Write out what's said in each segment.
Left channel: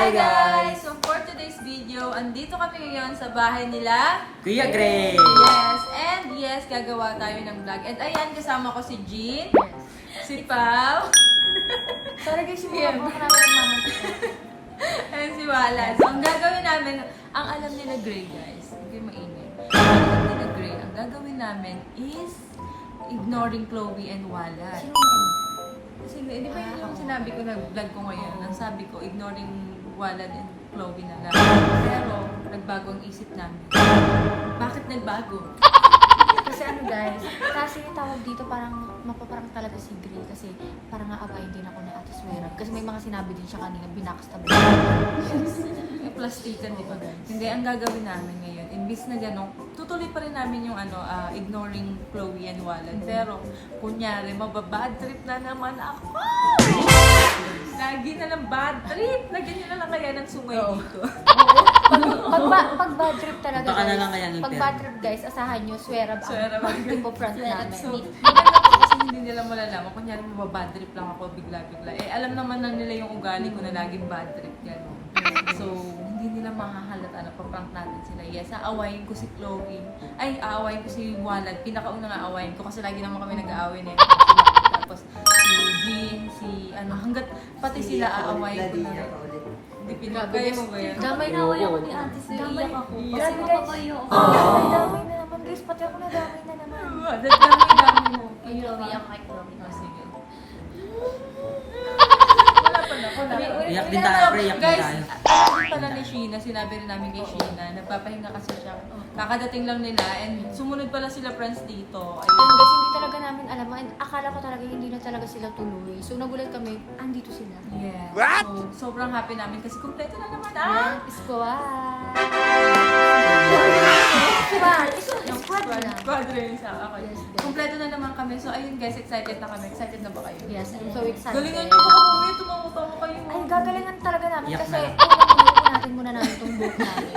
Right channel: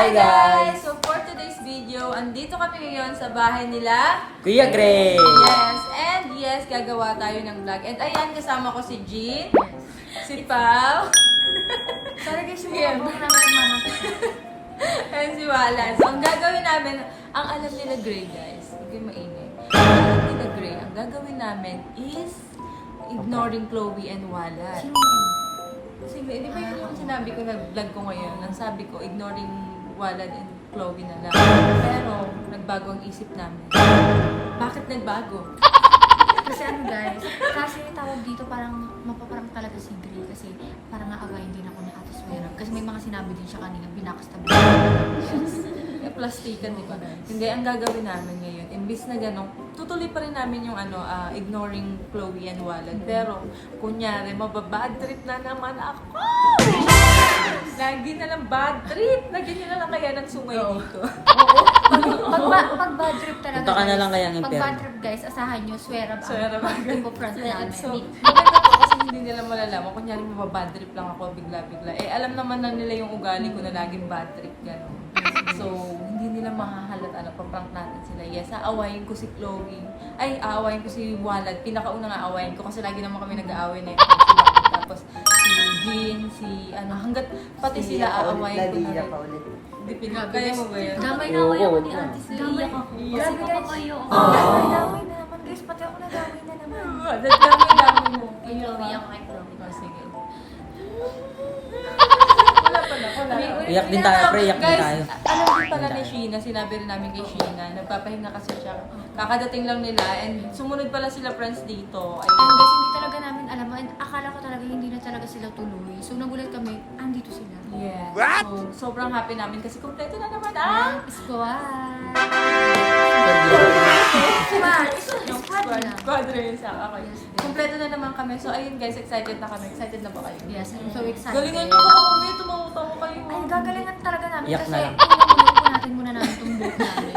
Hi guys! So for today's video, andito kami ngayon sa bahay nila Kuya Gray! Yes, gagawa tayo ng vlog. And ayan, kasama ko si Jean, si Pao, Sorry guys, yung Yeah. mga bro namin ng mama. and si Wala. So ang gagawin namin, ang alam nila Gray guys, hindi maingay. Ang alam nila Gray, ang gagawin namin is ignoring Chloe and Wala. Kasi di ba yung sinabi ko na vlog ko ngayon, ang sabi ko, ignoring Walad and Chloe na lang. Pero, nagbago ang isip namin. Bakit nagbago? Kasi ano guys, kasi yung tawag dito parang mapaparang talaga si Gray kasi parang naawayin din ako ni Ate Suerab. Kasi may mga sinabi din siya kanina, binakastab. Yes. Eh, plastikan, di ba? Hindi, ang gagawin namin ngayon, imbis na gano'n, tutuloy pa rin namin yung ignoring Chloe and Walad. Pero, kunyari, mababad trip na naman ako! Lagi na lang bad trip! Lagyan nyo na lang kaya ng sungay dito. Pag bad trip talaga Punta ka na guys, lang kaya ng pag Perla. bad trip guys, asahan nyo, Suerab Suerab ang ang ipo-front namin. So, maganda po kasi hindi nila malalaman. Kunyari mababad trip lang ako bigla-bigla. Eh, alam naman na nila yung ugali ko na laging bad trip. Gano'n. So, hindi nila makahalata na paprank natin sila. Yes, aawayin ko si Chloe. Ay, aawayin ko si Walad. Pinakaunang aawayin ko kasi lagi naman kami nag-aaway na yun. Tapos si Jean, hanggat pati sila aawayin ko na rin. Hindi kaya mo ba yun? Gamay na ako Oo, ni oo. Ate Suerab. Gamay ako. Iyak Grabe guys. Gamay na naman guys, pati ako nagamay na naman. Dami mo. Chloe ako kay Chloe. Sige. Wala pala. Iyak din tayo, bro. Iyak din Guys, tayo. alam din pala ni Sheena, sinabi rin namin kay Sheena, nagpapahinga kasi siya. Kakadating lang nila and sumunod pala sila friends dito. Ayun guys, hindi talaga namin alam. And akala ko talaga hindi na talaga sila tuloy. So nagulat kami, andito sila. Yeah. What? So, sobrang happy namin kasi kumpleto na naman Squad! Yung squad rin sa ako. Yes, babe. Kumpleto na naman kami. So, ayun guys, excited na kami. Excited na ba kayo? Yes, I'm so excited. Galingan nyo baka mamaya tumawag kayo. Ay, gagalingan talaga namin Iyak kasi na lang. unahin natin muna namin itong book namin.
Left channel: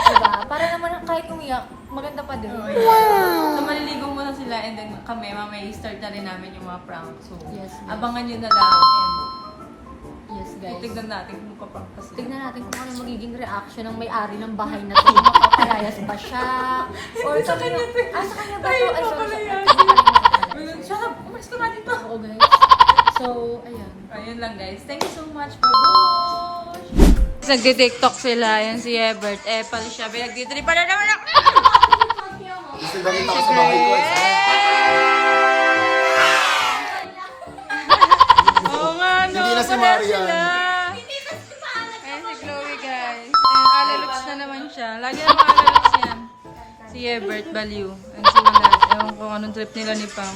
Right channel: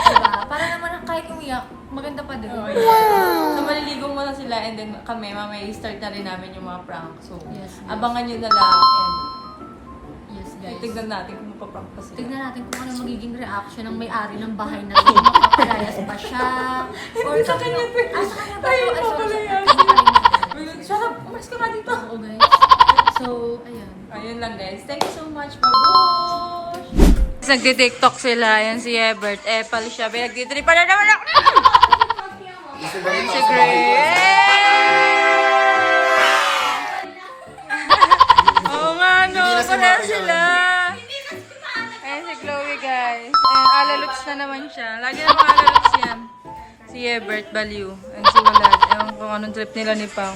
Diba? Para naman kahit umiyak, maganda pa din. So, maliligo muna sila and then kami, mamaya i-start na rin namin yung mga prank. So, Yes, yes. abangan nyo na lang and Yes, guys. titignan natin kung magpa-prank pa sila. Tignan natin kung ano magiging reaction ng may-ari ng bahay na ito. Mapapalayas ba siya? Or Sa kanya to. Ay, sa kanya ba? Ay, ito? Ay, sorry, papalayas. sorry. Shut up! Umalis ka nga dito! Oo, guys. So, ayan. Ayun lang guys. Thank you so much. Bye-bye! Nagdi-tiktok sila. Yan si Ebert. Epal siya. Nagdi-tripa na naman ako. Si Oo nga, no. Pala sila. Ayan si Chloe, guys. Ayan, alaluts na naman siya. Lagi na mga alaluts yan. Si Ebert, baliw. Ayan si Walad. Ewan ko anong trip nila ni Pao.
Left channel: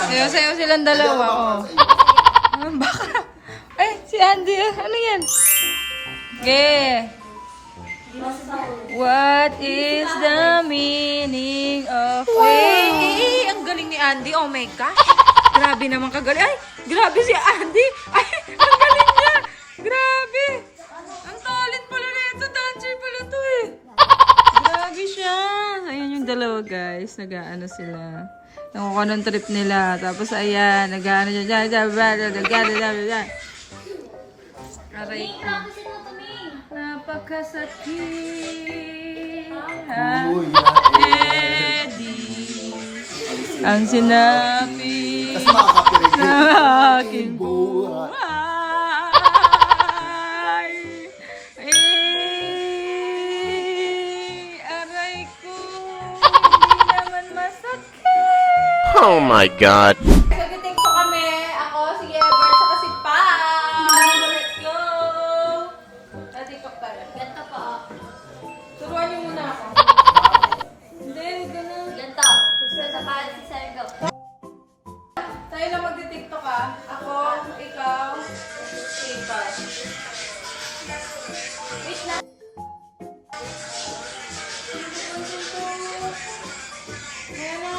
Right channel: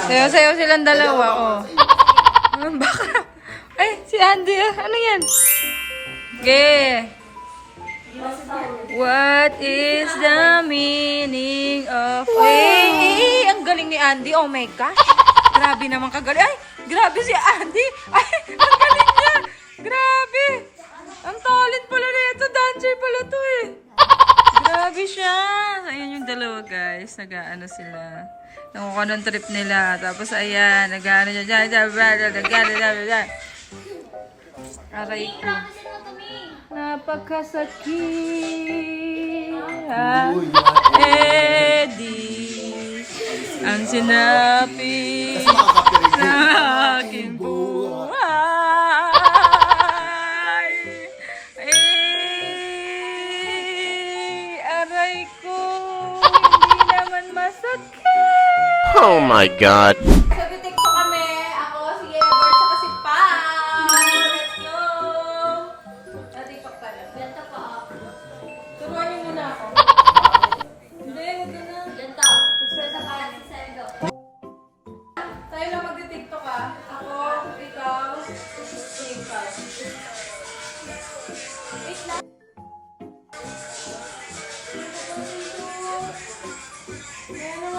Sayo-sayo silang dalawa, oh. Baka. Ay, si Andy. Ano yan? Okay. What is the meaning of... Hey, ang galing ni Andy. Oh my gosh. Grabe naman kagaling. Ay, grabe si Andy. Ay, ang galing niya. Grabe. Ang talent pala nito. Dancer pala to eh. Grabe siya. Ayun yung dalawa guys. Nag-ano sila. Nakuha ng trip nila. Tapos ayan. Nag-ano dyan. Aray ko. Napakasakit. Eddie. Ang sinabi sa aking buhay. Aray ko. Hindi naman masakit. Oh my god. Nag-tiktok kami. Ako, si Ebert, saka si Pao. Let's go! Nag-tiktok tayo. Ganto po. Turuan niyo muna ako. Hindi, huwag ka na. Ganto. Sa bahay si Sergo. Tayo lang mag-tiktok ah. Ako, ikaw, si Pao. Wait lang. Sino pupunta ito? Ayan na.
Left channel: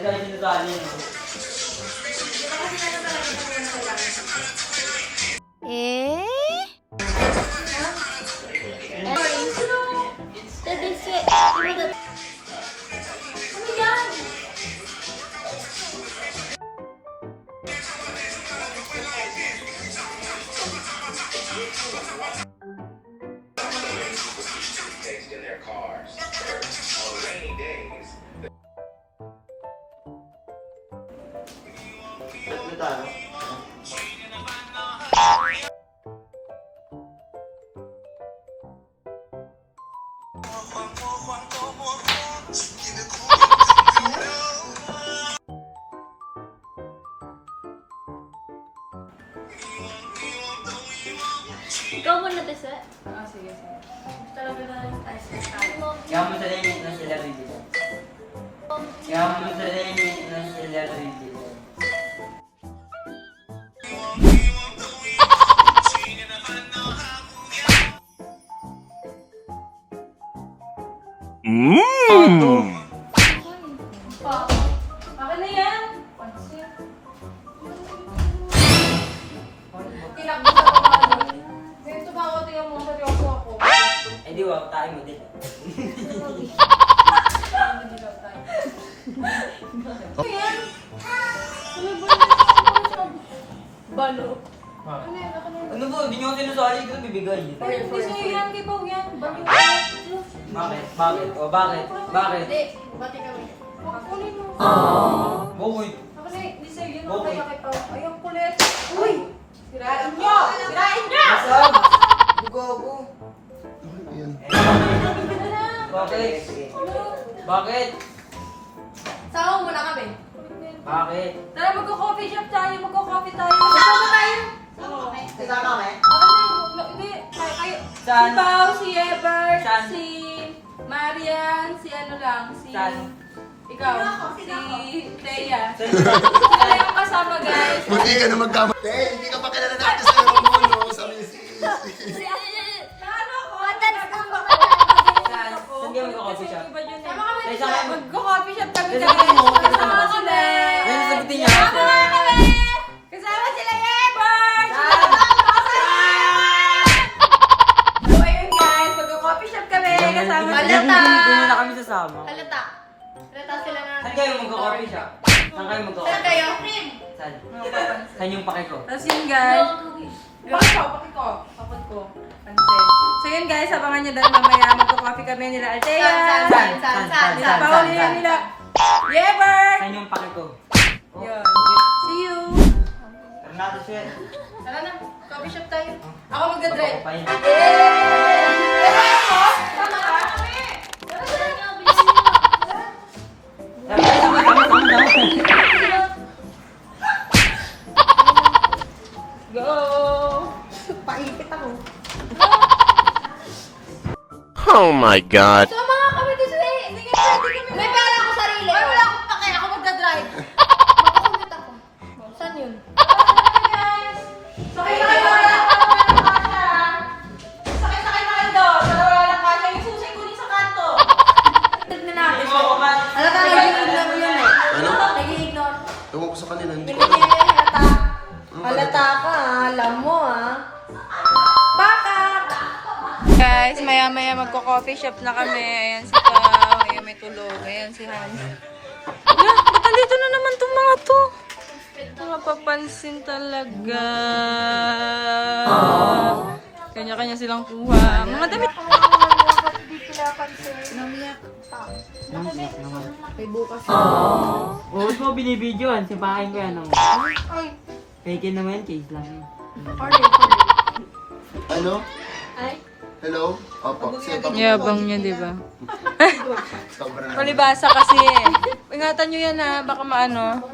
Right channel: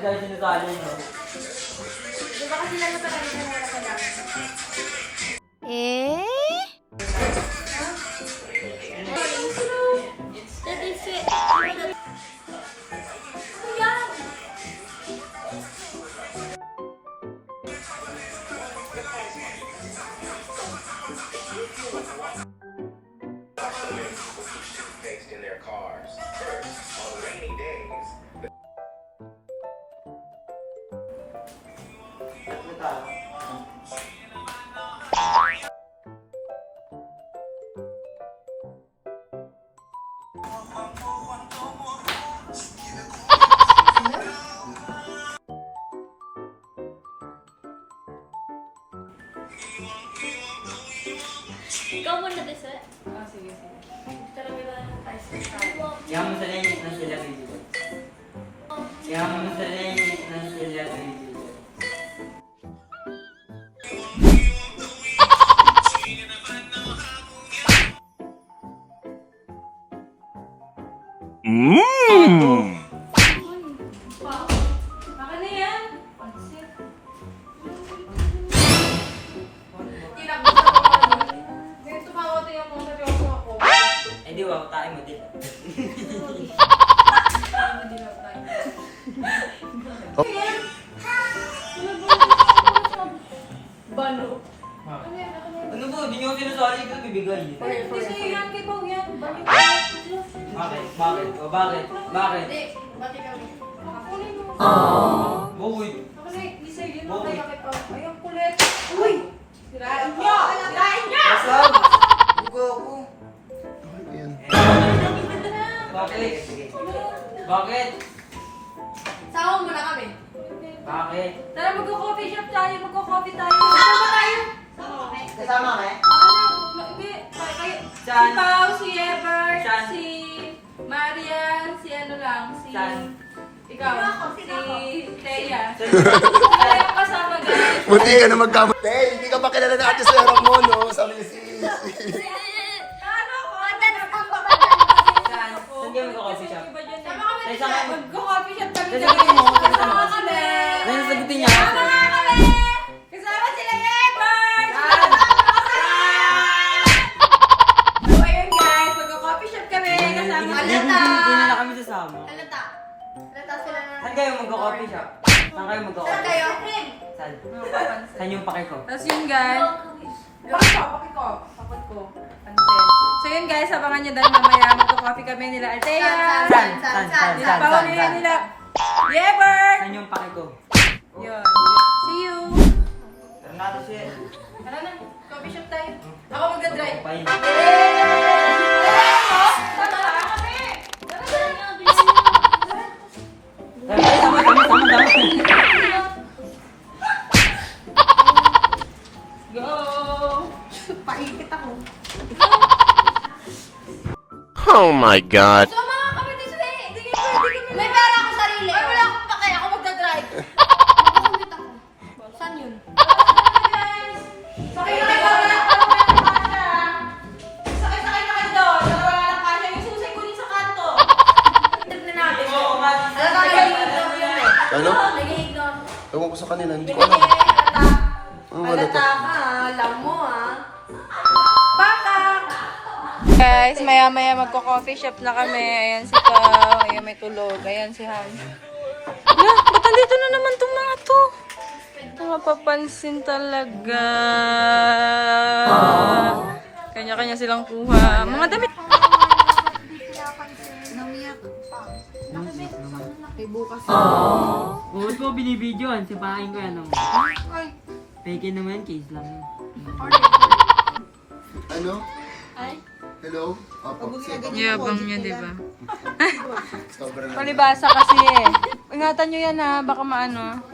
Dahil sinasali nyo. Eh? Ano yan? Sige, sige. Talaga na tayo sa tao. Kaya mo sa limit ng celebrity ko. Kaya mo sa limit ng celebrity ko. Akin na yan. Pansin. Tinakbo sa mga. Ngayon tumawat yung mga seryoso ako. Eh di wow, tayo mo din. Ayan. Balo. Ano yan? Ako na yan. Ano ba? Hindi nyo sinusali ko bibigay. Hindi sa'yo yan, kay Pao yan. Bakit? Bakit? Bakit? O bakit? Bakit? Hindi, bati kami. Kunin mo. Bukod. Ako na, hindi sa'yo yun. Okay. Kaya kay Pao. Ayong kulit. Uy! Sirain niyo! Sirain niyo! Masal! Bugo ako. Yan. Bakit? Bakit? Sama muna kami. Bakit? Tara, magko-coffee shop tayo. Magko-coffee tayo. Sama tayo. Kasama kami? Hindi. Kayo. Saan? Si Pao, si Ever, Saan? si Marian, si ano lang, si... Saan? Ikaw, si Thea. Saan? Sila yung kasama, guys. Buti ka na magkamot. Eh, hindi ka pa kilala na ate sa mo, no? Sabi niya si... Ano ako? Saan? Saan kayo magko-coffee shop? Iba yun eh. Sama kami. Magko-coffee shop kami, Kasi guys. sabihin mo, Kasama sila. Ayun, sagutin niya. Kasama nga kami. Kasama sila, Ever. Saan? So, ayun guys, magko-coffee shop kami. Kasama Hindi sila. hindi na kami sasama. Halata. Halata sila na. Saan kayo magko-coffee shop? Saan kayo Saan magko-coffee? kayo? Friend. Saan? Mapapansin. Saan yung pake ko? Tapos yun guys. Pakit ko. Pakit ko. Pansin. So yun guys, abangan nyo dahil mamaya magko-coffee kami nila Althea. Saan? Nila Paul, nila Yever. Saan yung pake ko? Yun. See you. Tara natin siya. Tara na, coffee shop tayo. Ako magdadrive. Ako pa yun. Go! Paikit ako. Oh my god. Sama nga kami dito eh. Hindi kayo pwede kami. May pera ako sarili. Ay, wala akong pakaya. Ako magdadrive. Makukulit ako. Saan yun? Sakay na kayo doon. Para wala lang kasya. Yung susay kunin sa kanto. Tignan natin. Halata Halata nag-iignore mo yan eh. Ano? Nag-iignore. Ewan ko sa kanila, hindi ko Hindi alam. kayo halata. Ano Halata halata? ka, alam mo ah. Guys, maya-maya magko-coffee shop na kami. Ayan si Pao. Ayan may tulog. Ayan si Hans. Ayan, ba't nandito na naman itong mga to? Mapapansin talaga. Kanya-kanya silang kuha. Mga damit. Oo, ba't mo binibidyoan? Sipahin ko yan. Fake naman, case lang yun. Ano? Hello? Opo. Sige, pakita. Yabang niya, di ba? Sobrang. Palibasa kasi eh. Ingatan nyo yan ha, baka maano.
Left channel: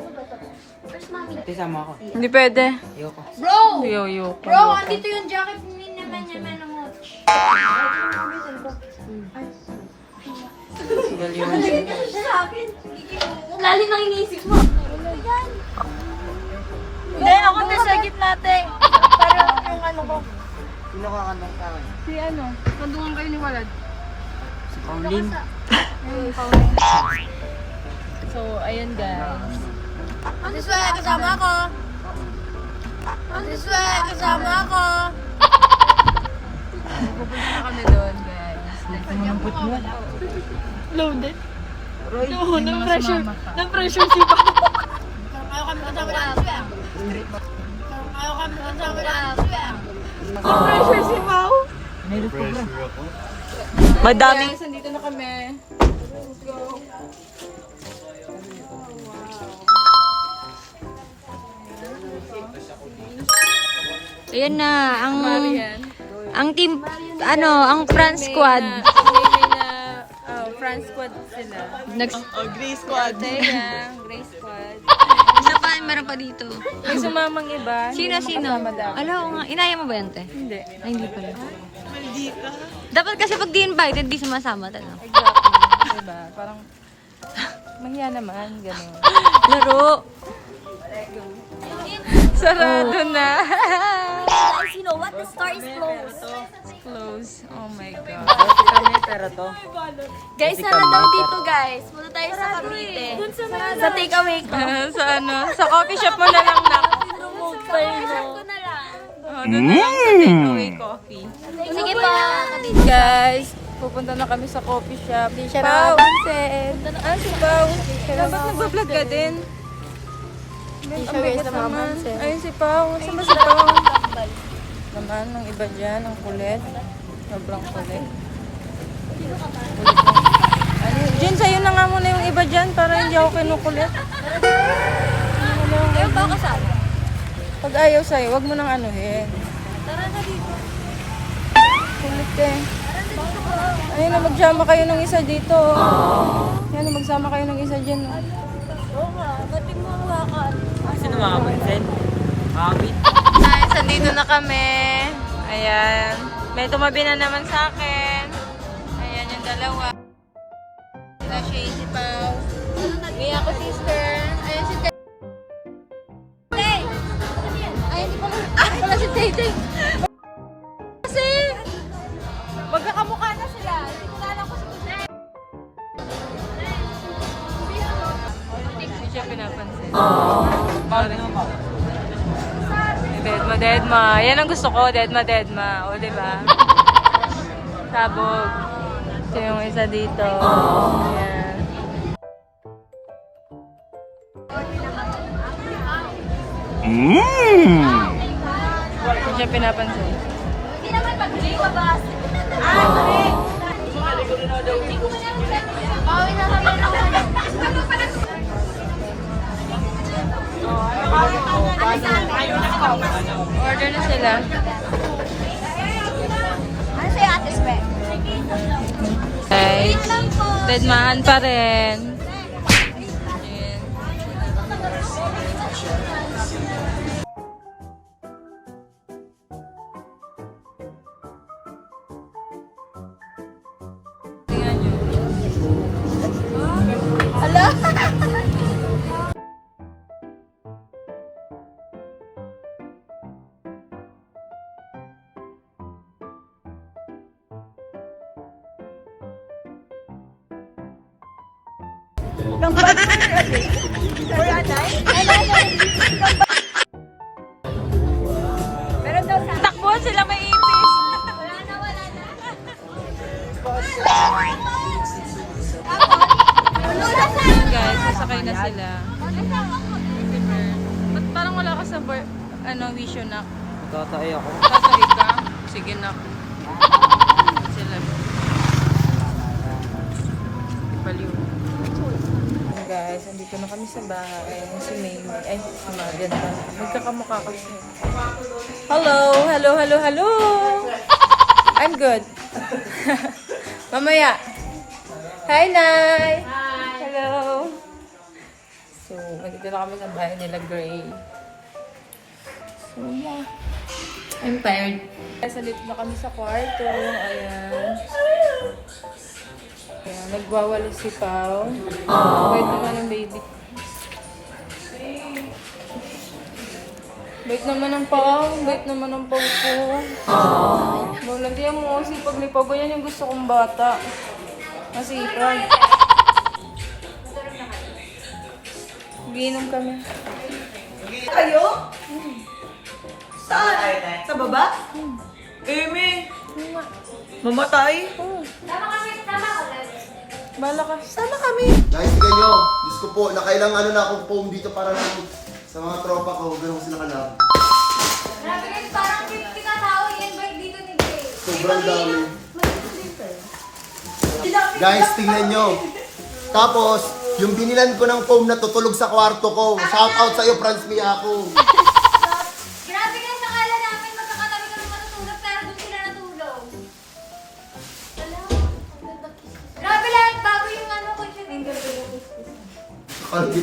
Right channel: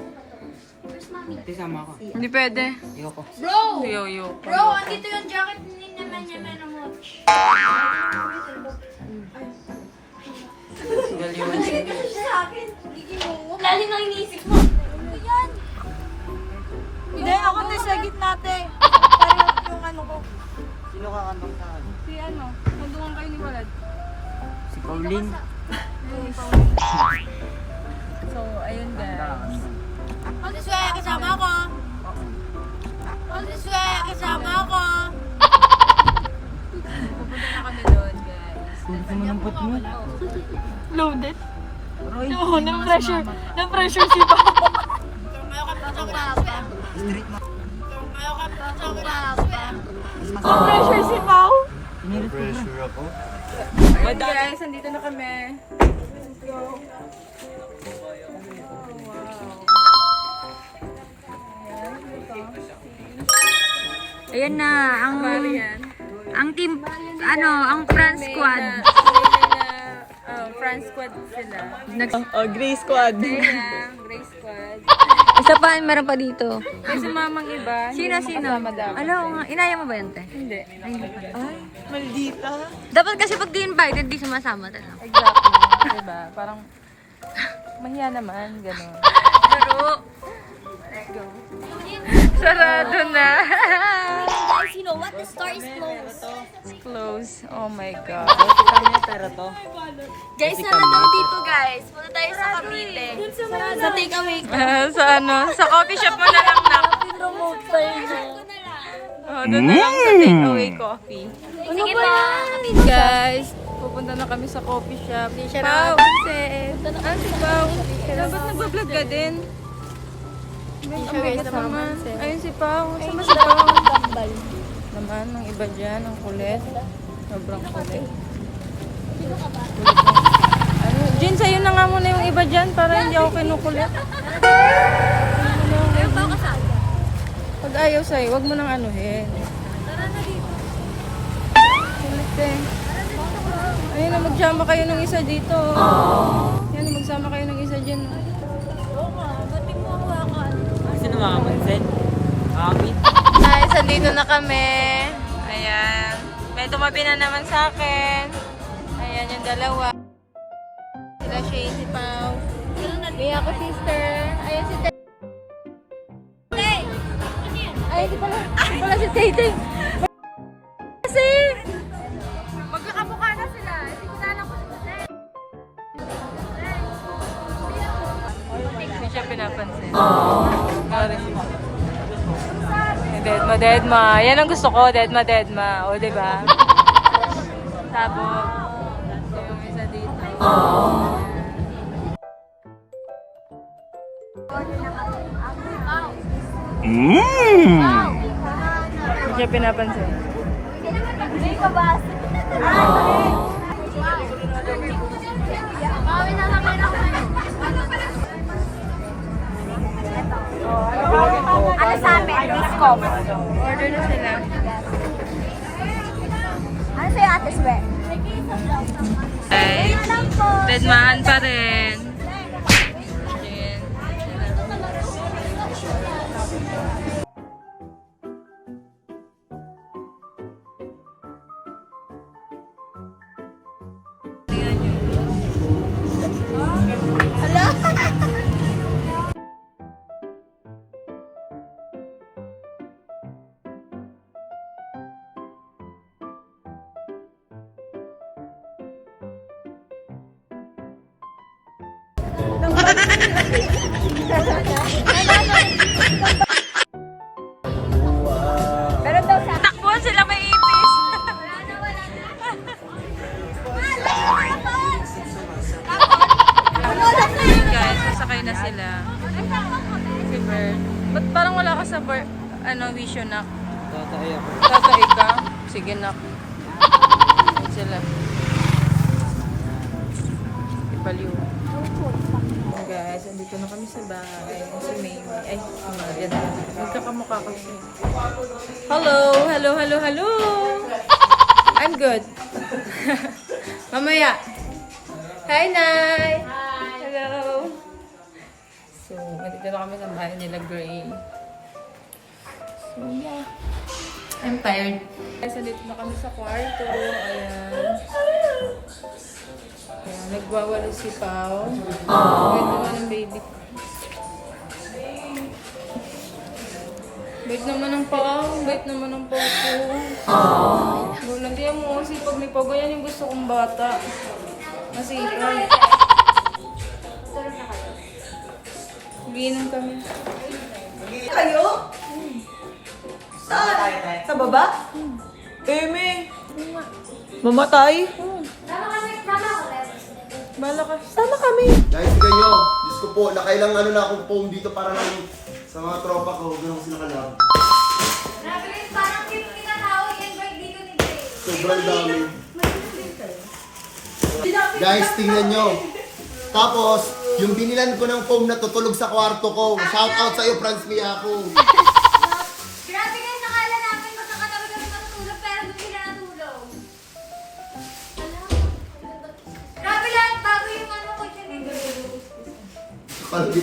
Ate, sama ako. Hindi pwede. Ayoko. Bro! Yo. Bro, andito yung jacket ni naman niya ano mo. Lali nang iniisip mo. Ano yan? Hindi, ako na sa gitna natin. Parang yung ano ko. Sino kakantong sa akin? Si ano, nandungan kayo ni Walad. Si Pauline. So, ayan guys. On this way, kasama ako. On this way, kasama ako. Pupunta na kami doon guys. Kumalumpot mo. Loaded. Roy, Na-pressure si Pao. Kayo kami sa papa. Kayo kami sa papa. Na-pressure si Pao. Nailot ko na. Madami. Guys, andito na kami. Let's go. Ayan na, Marian. ang team, ang France squad. France squad sila. Grey squad. Kaya, Grey squad. Isa pa, meron pa dito. May sumamang iba. Sino? Kasama dapat. Alam ko nga, inaya mo ba yan, te? Hindi. Ay, hindi pala. Mali. Dapat kasi pag di-invited, di sumasama talaga. Exactly. Diba? Parang, mahiya naman, gano'n. Laro. Sarado na. Guys, you know what? The store is closed. It's close. Oh my God. Pero to. Guys, sarado dito guys. Punta tayo sa Cavite. Sa takeaway ko. Sa ano? Sa coffee shop mo na lang na. Sarado na lang. Oh, doon na lang sa takeaway coffee. Sige pa. Guys, pupunta na kami sa coffee shop. Pao! Si Pao. Ba't nagbablog ka din? Ang bigat naman. Ayun si Pao. Sama si Pao. Naman, ang iba dyan, ang kulit. Sobrang kulit. Kulit na. Ano? Jen, sa'yo na nga muna yung iba dyan para hindi ako kinukulit. Pag ayaw sa'yo, wag mo nang anuhin. Kulit eh. Ayun na, magsama kayo ng isa dito. Yan na, magsama kayo ng isa dyan. Sino mga bunsen? Guys, andito na kami. Ayan. May tumabi na naman sa akin. Ayan yung dalawa. Sila Shane, si Pao. May ako sister. Ayun si Tay. Ayun si Tay. Ayun na si Tay. Kasi, magkakamukha na sila. Hindi ko na alam kung sino. Hindi siya pinapansin. Sorry. Deadma. Yan ang gusto ko, deadma. O, diba? Sabog. Ito yung isa dito. Ayan. Hindi siya pinapansin. Hindi naman mag-J ka ba? Ano sa amin? Order na sila. Ano sa'yo, Ate Swag? Okay. Deadmaan pa rin. Ayan. Tingnan nyo. Takbuhan sila may ipis. Guys, sasakay na sila. Happy birthday. Ba't parang wala ka sa vision na? Tatay ako. Tatay ka? Sige na. Sila. Ipaliw. Guys, andito na kami sa bahay. Si Maymay. Ay, si Marian. Magkakamukha kasi. Hello! I'm good. Mamaya. Hi, Nay! Hello! So, andito na kami sa bahay nila, Gray. So, yeah. I'm tired. Guys, andito na kami sa kwarto. Ayan. Kaya, nagwawali si Pao. Bait naman ang baby. Bait naman ang Pao. Bait naman ang Pao ko. No, lagyan mo ang sipag ni Pao. Yan yung gusto kong bata. Masipag. Giinom kami. Kayo? Saan? Sa baba? Eme! Mamatay? Bala ka. Sana kami. Guys, tignan nyo. Diyos ko po, nakailang ano na akong foam dito para lang sa mga tropa ko. Ganun ko sila kalab. Grabe guys, parang 50 ka tao i-invite dito ni Jay. Sobrang dami. Guys, tingnan nyo. Tapos, yung binilan ko ng foam na tutulog sa kwarto ko. Shout out sa'yo, Franz Miyako. Grabe guys, nakala namin magkakatabi kami matutulog pero doon sila natulog. Alam, grabe lahat bago yung ano ko.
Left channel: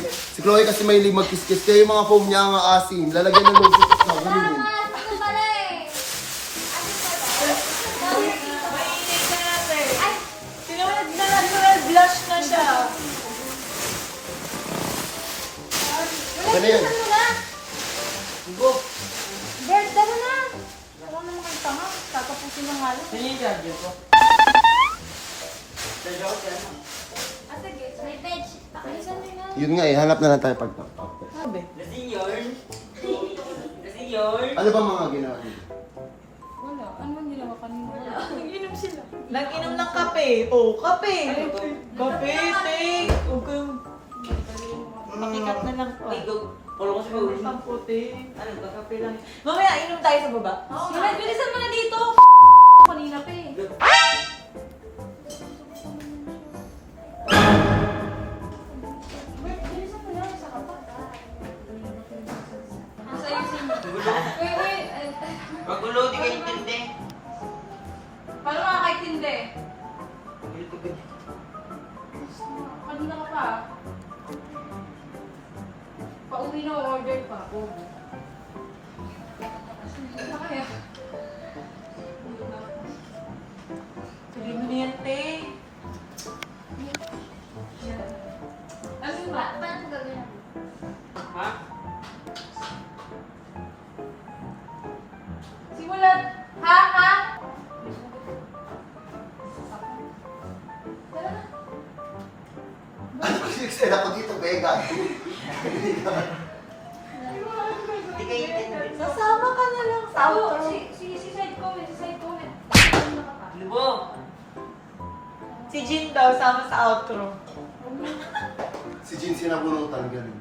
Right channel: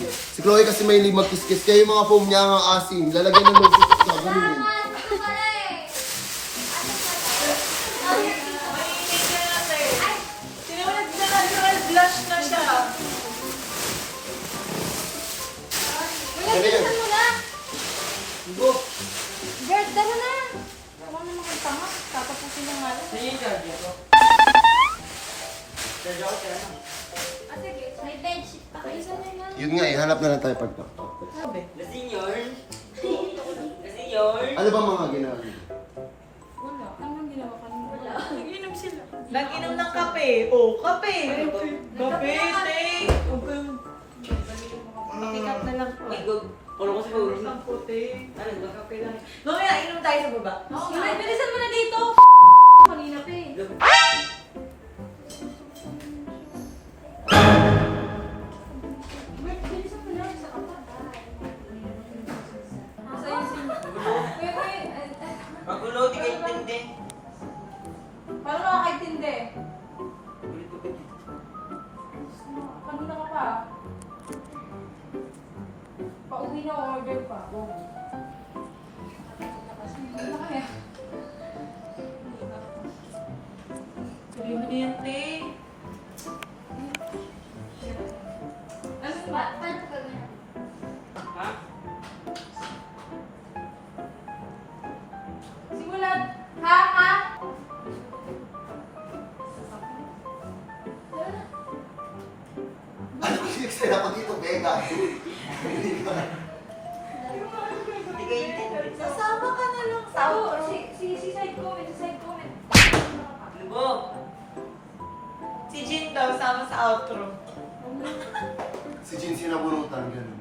Si Chloe kasi may magkiskis. Kaya yung mga foam niya ang asim. Lalagyan ng lotion at gagawin. Sinangalan. Sino yung charger ko? Charger ko, sino? Ah, sige. May bedsheet pa kayo. Saan na yun? Yun nga eh, hanap na lang tayo pagpapap. Sabi. Lasing yun. Lasing yun. Ano ba mga ginawa niyo? Wala. Ano ang ginawa kanina? Inom sila. Nag-inom ng kape. Oh, kape. Kape, te. Huwag kayong... Makikat na lang po. Ay, go. Polo ko sa pag-uwi. Ang puti. Ano ba? Kape lang. Mamaya, inom tayo sa baba. Oo, Sige, bilisan mo na dito. Kanina pa eh. Bilisan mo na. Isa ka pa. Nasa ayusin mo. Wait. Magulo, di kayo intindi. Paano makakaintindi? Kanina ka pa. Pauwi na order pa ako. Ano kaya? Sabi mo na yan, te. Ano ba? Paano ko gagawin? Ha? Simulan! Ha? Excited ako dito, Bega. Di kayo intindi. Sasama ka na lang sa Ako, outro. si side comment, si side comment. Ano ba? Si Jin daw, sama sa outro. Si Jin sinabunutan, ganun.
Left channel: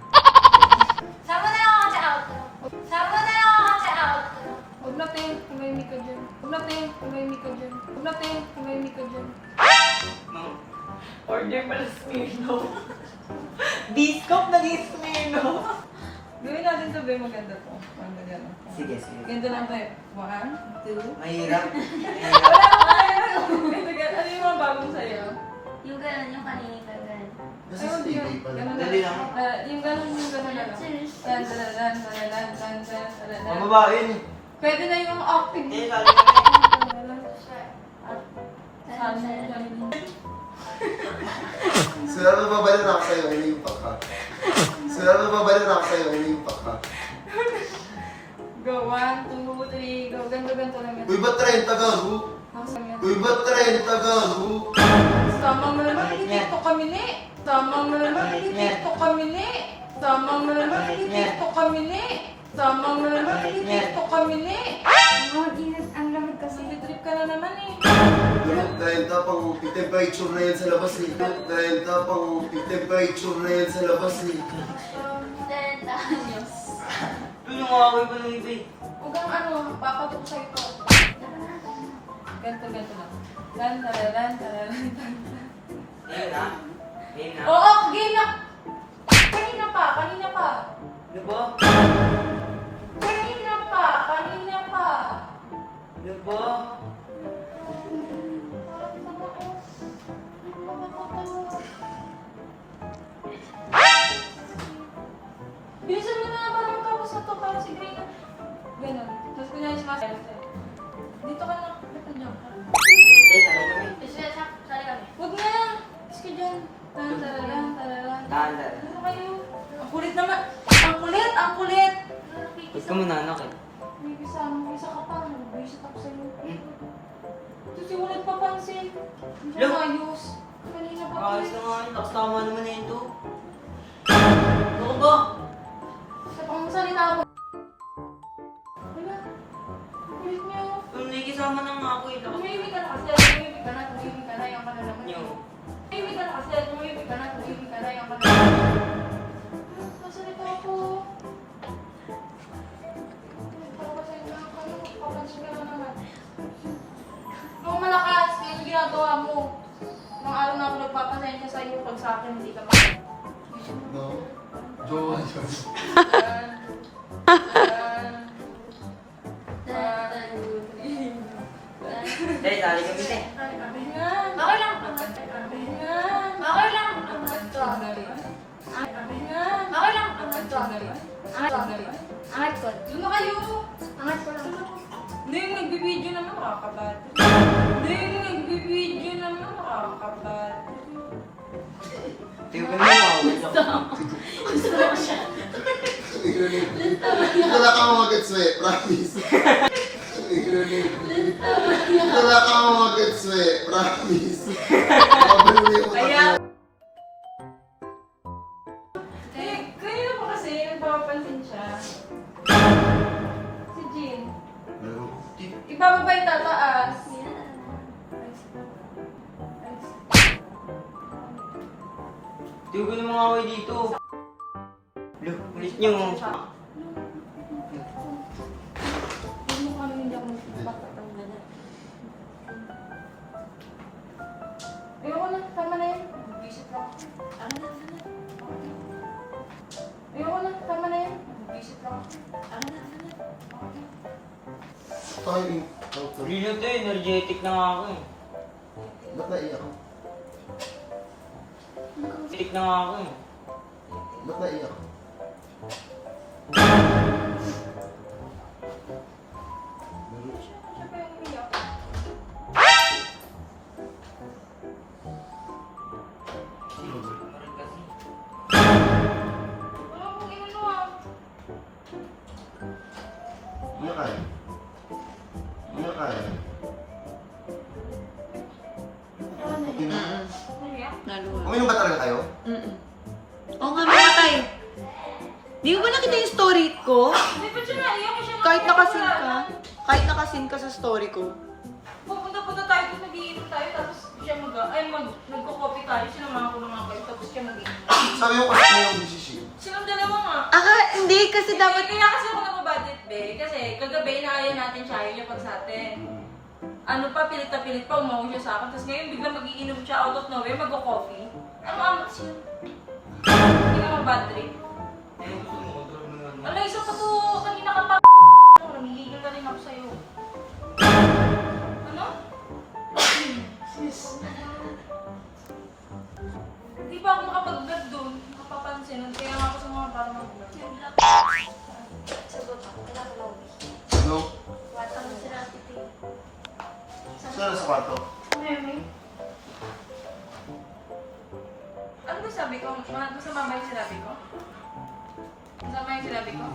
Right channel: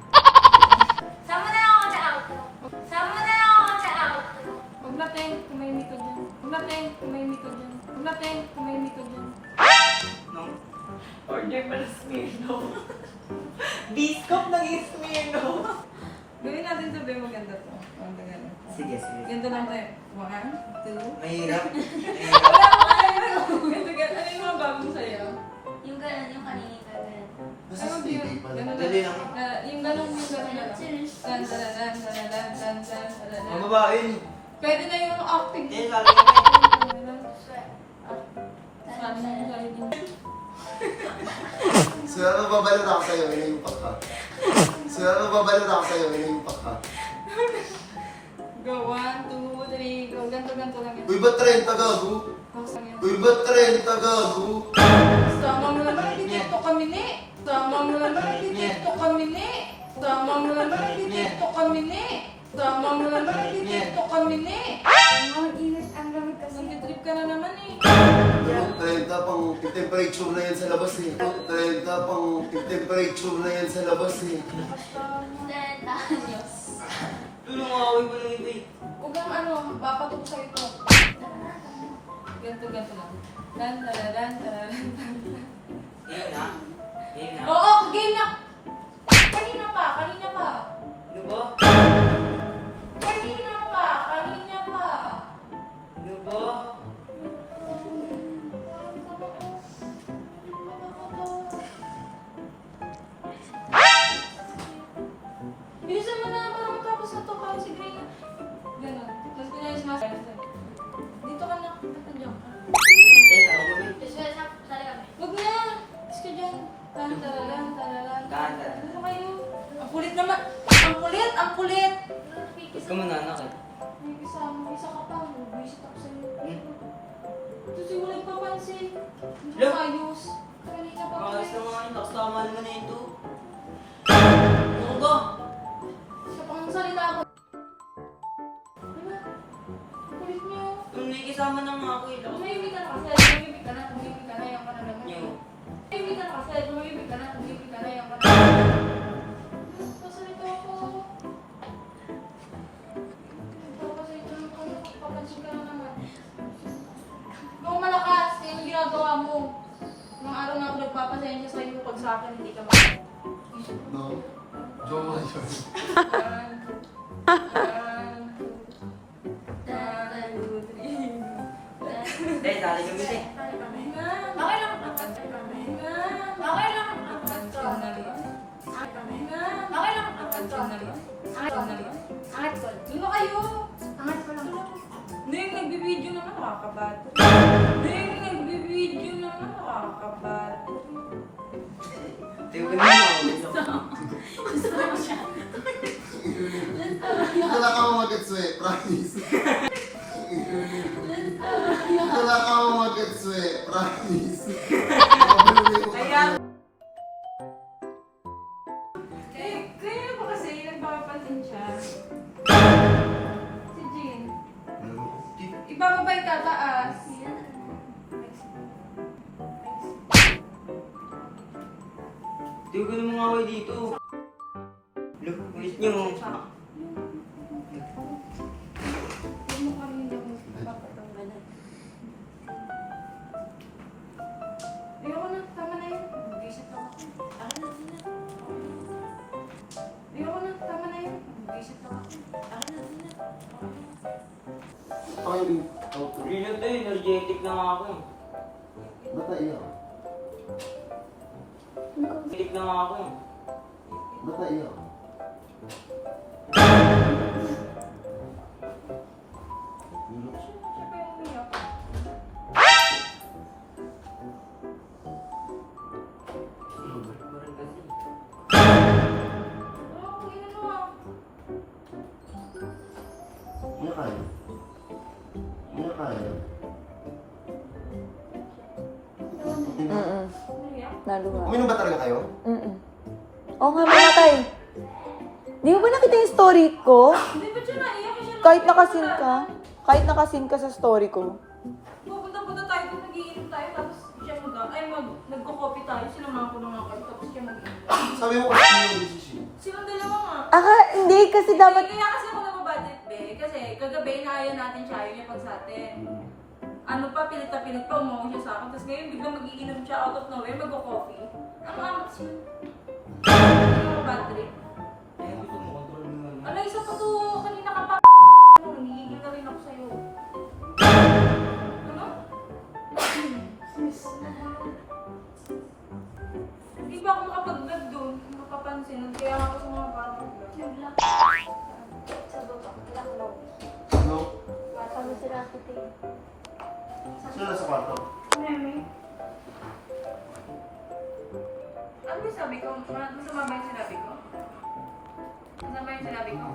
Sama na ako sa outro. Sama na ako sa outro. Huwag natin, kumahimik ka dyan. Huwag natin, kumahimik ka dyan. Huwag natin, kumahimik ka dyan. Order pala Smirnoff. Biscop naging Smirnoff. Gawin natin to, be, maganda to. Maganda gano'n. Sige, sige. Ganda lang tayo. 1, 2. Mahirap. Wala ko kaya. Ganda gano'n. Ano yung mga bagong sayo? Yung gano'n, yung kanina yung gano'n. Nasa Ay, huwag TV yun. pala. Gano'n Dali lang. lang. Yung gano'n na lang. Tan, tararan, tararan, tan, tan, tararan. Mababa yun eh. Pwede na yung acting. Eh, sabi ko. Saan mo galing? Sila mababalot ako sa'yo, yun yung pakpa. Sila mababalot ako sa'yo, yun yung pakpa. Go, 1, 2, 3, go. Ganto lang yan. Uy, ba't 30 gago? Tapos lang yan. Uy, ba't 30 gago? Sama mo naman, nag-tiktok kami ni. Sama mo naman, nag-tiktok kami ni. Sama mo naman, nag-tiktok kami ni. Sama mo naman, nag-tiktok kami ni. Ang init, ang lamig kasi. Nag-trip ka na naman eh. Ganun, 30 pang temperature na yan sa labas eh. 30 pang temperature na yan sa labas eh. Ayos. Ano nga ako yung panungin ko eh. Huwag kang ano, papatok sa ito. Ganto lang. Lan, tararan, tararan, tararan. Ayun na. Ayun na. Oo, game na! Kanina pa. Ano ba? Kanina pa. Ano ba? Bilisan mo na parang tapos na to para si Gray na. Ganon. Tapos kunyari si Master. Dito ka na. Ba't nandiyan ka? Eh, sabi ko eh. Sali kami. Huwag na! Is ka dyan. Tararan. Tanda. Ano kayo? Ang kulit naman! Ang kulit! Ba't ka mananak eh? May kasama, isa ka pa. Nag-visit ako sa'yo. Hmm? Ito si walang papansin. Hindi Lo? ko ayos. Kanina pa Ayos ako. na nga yun. Nakasama naman na yun to. Ano ka ba? Sa pangsalita ako. Wala. Ang kulit niya. May kasama na nga ako eh. Tumimik ka na kasi. Tumimik ka na. Yung ka na lang. Yo. Tumimik ka na kasi. Tumimik ka na. Yung ka na. Pangsalita ako. Papansin ka na naman. Nung malakas, yung ginagawa mo. Nung araw na ako nagpapasensya sa'yo pag sa akin hindi ka mag- No? Joke. Eh, sali kami eh. Okay lang. Okay lang. Okay lang. Angat ko. Doon na kayo! Angat ko lang. Hindi yung nagbibideo naman nakakabato. Hindi yung nagbibideo naman nakakabato. Tingnan ko naman. Wala ka mamagets mo eh, promise. promise. Mabuli ko Kaya... tayo. Kanina pa kasi, nagpapapansin siya. Si Jean. Ibababa yung tataas. Tiyo ko ng mga away dito. Look, miss nyo. Ayoko na, tama na yun. Visit lang. Ayoko na, tama na yun. Visit lang. Ay, okay. Rilo to, energetic na nga ako. Ba't naiyak? Energetic na nga ako. Ba't naiyak? Meron kasi. Wala akong inano ah. Ano kaya? Ano kaya? Naluha. Uminom ba talaga kayo? Oo nga, mga tayo. Di mo ba nakita yung story ko? Hindi ba siya naiyak? Siya Kahit nakasin ka sa story ko. Pupunta tayo kung nag-iinom tayo, tapos siya nagko-copy tayo, sinamahan ko na nga kayo, tapos siya mag-iinom. Sabi mo kasi yung decision. Silang dalawa nga. Hindi kasi dapat... Kaya kasi ako nababudget, be. Kasi kagabi inaaya natin siya, ayaw niya pag sa atin. Ano pa, pilit na pilit pa, umawa siya sa akin. Tapos ngayon biglang mag-iinom siya out of nowhere, magko-coffee. Ano siya? Hindi nga bad trip. Eh, gusto mo control naman. Ala, isa pa to, kanina ka pa. Nangigigil na rin ako sa'yo. Ano? Hindi pa ako makapag-vlog doon. Nakapansin. Kaya nga ako sa mga parang mag-vlog. Sa baba, laklo. Ano? Tatawag si Rafi Tay. Saan na sa kwarto? Meme. Ano ba sabi ko? Masama ba yung sinabi ko? Masama yung sinabi ko?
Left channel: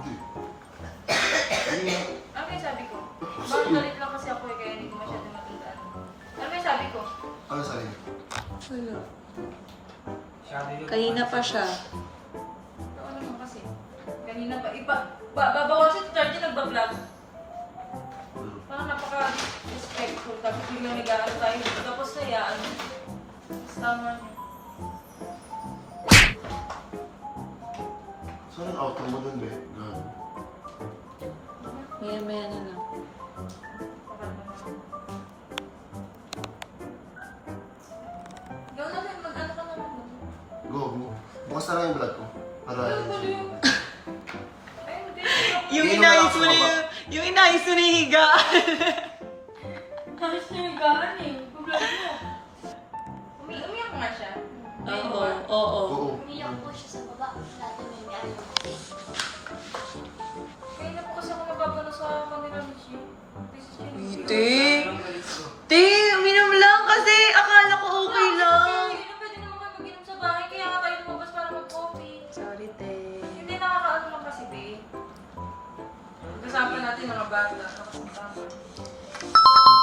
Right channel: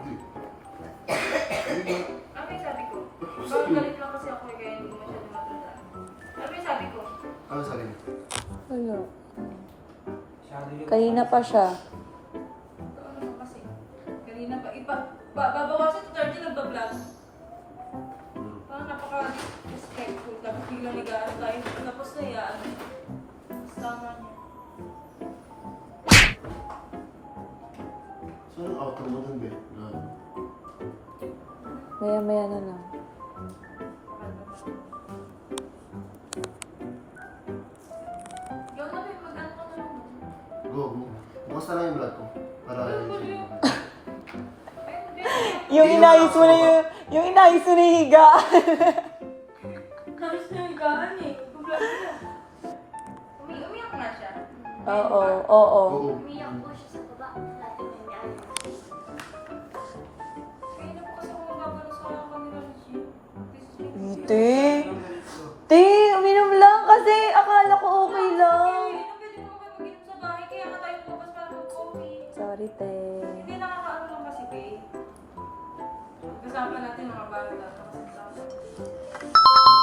Hindi. Ano yung sabi ko? Bakit galit lang kasi ako kaya hindi ko masyadong matandaan. Ano yung sabi ko? Ano sabi niya? Wala. Sabi ko, Kanina pa siya. Ito naman kasi. Kanina pa. Babawasin si Charlie nagbablog. Parang napaka-respectful. Tapos biglang nag-aano tayo. Tapos hayaan. Tapos tama niya. Saan ang outro mo dun, be? Gago. Maya-maya na lang. Gawin natin, mag-ano ka na lang doon. Go. Bukas na lang yung vlog ko. Para Ay, hindi. Yung inayos mo na yung inayos mo na yung higaan. Tapos niya yung gaan eh. Problema mo. Umiyak nga siya. Oo. Oo. Umiyak po siya sa baba. Lagi niya may ayaw. Kaya na po kasi ako nababalo sa kanila ni Shi. Te, uminom lang kasi akala ko okay lang. Kaya pwede naman kayo mag-inom sa bahay. Kaya nga tayo lumabas para mag-coffee. Sorry, te. Hindi nakakaano lang kasi, babe. Kasama natin mga bata. Nakasama.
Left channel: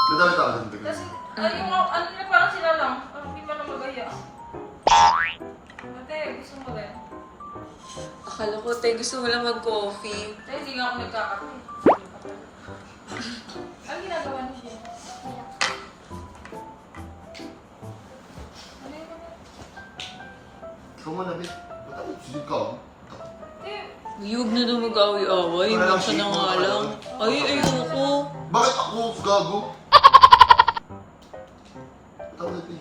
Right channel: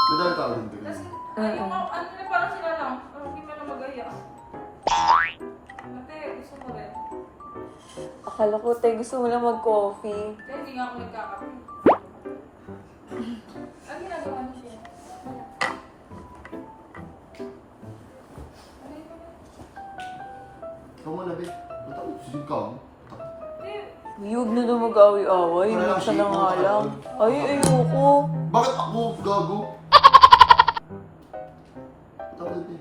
Nadami tao dun, be. Kasi, yung ano na parang sila lang. Hindi man na mag-aya. Ate, gusto mo rin? Akala ko, te, gusto mo lang mag-coffee. Kaya hindi nga ako nagkakape. Ang ginagawa niyo siya? Ano yun naman? Ikaw nga na, be. Ba't ako? Sige ka. Ate, Huwag na daw mag-away-away. Nasa na nga lang. Ay, ayoko. Bakit ako? Gago. Tawag be.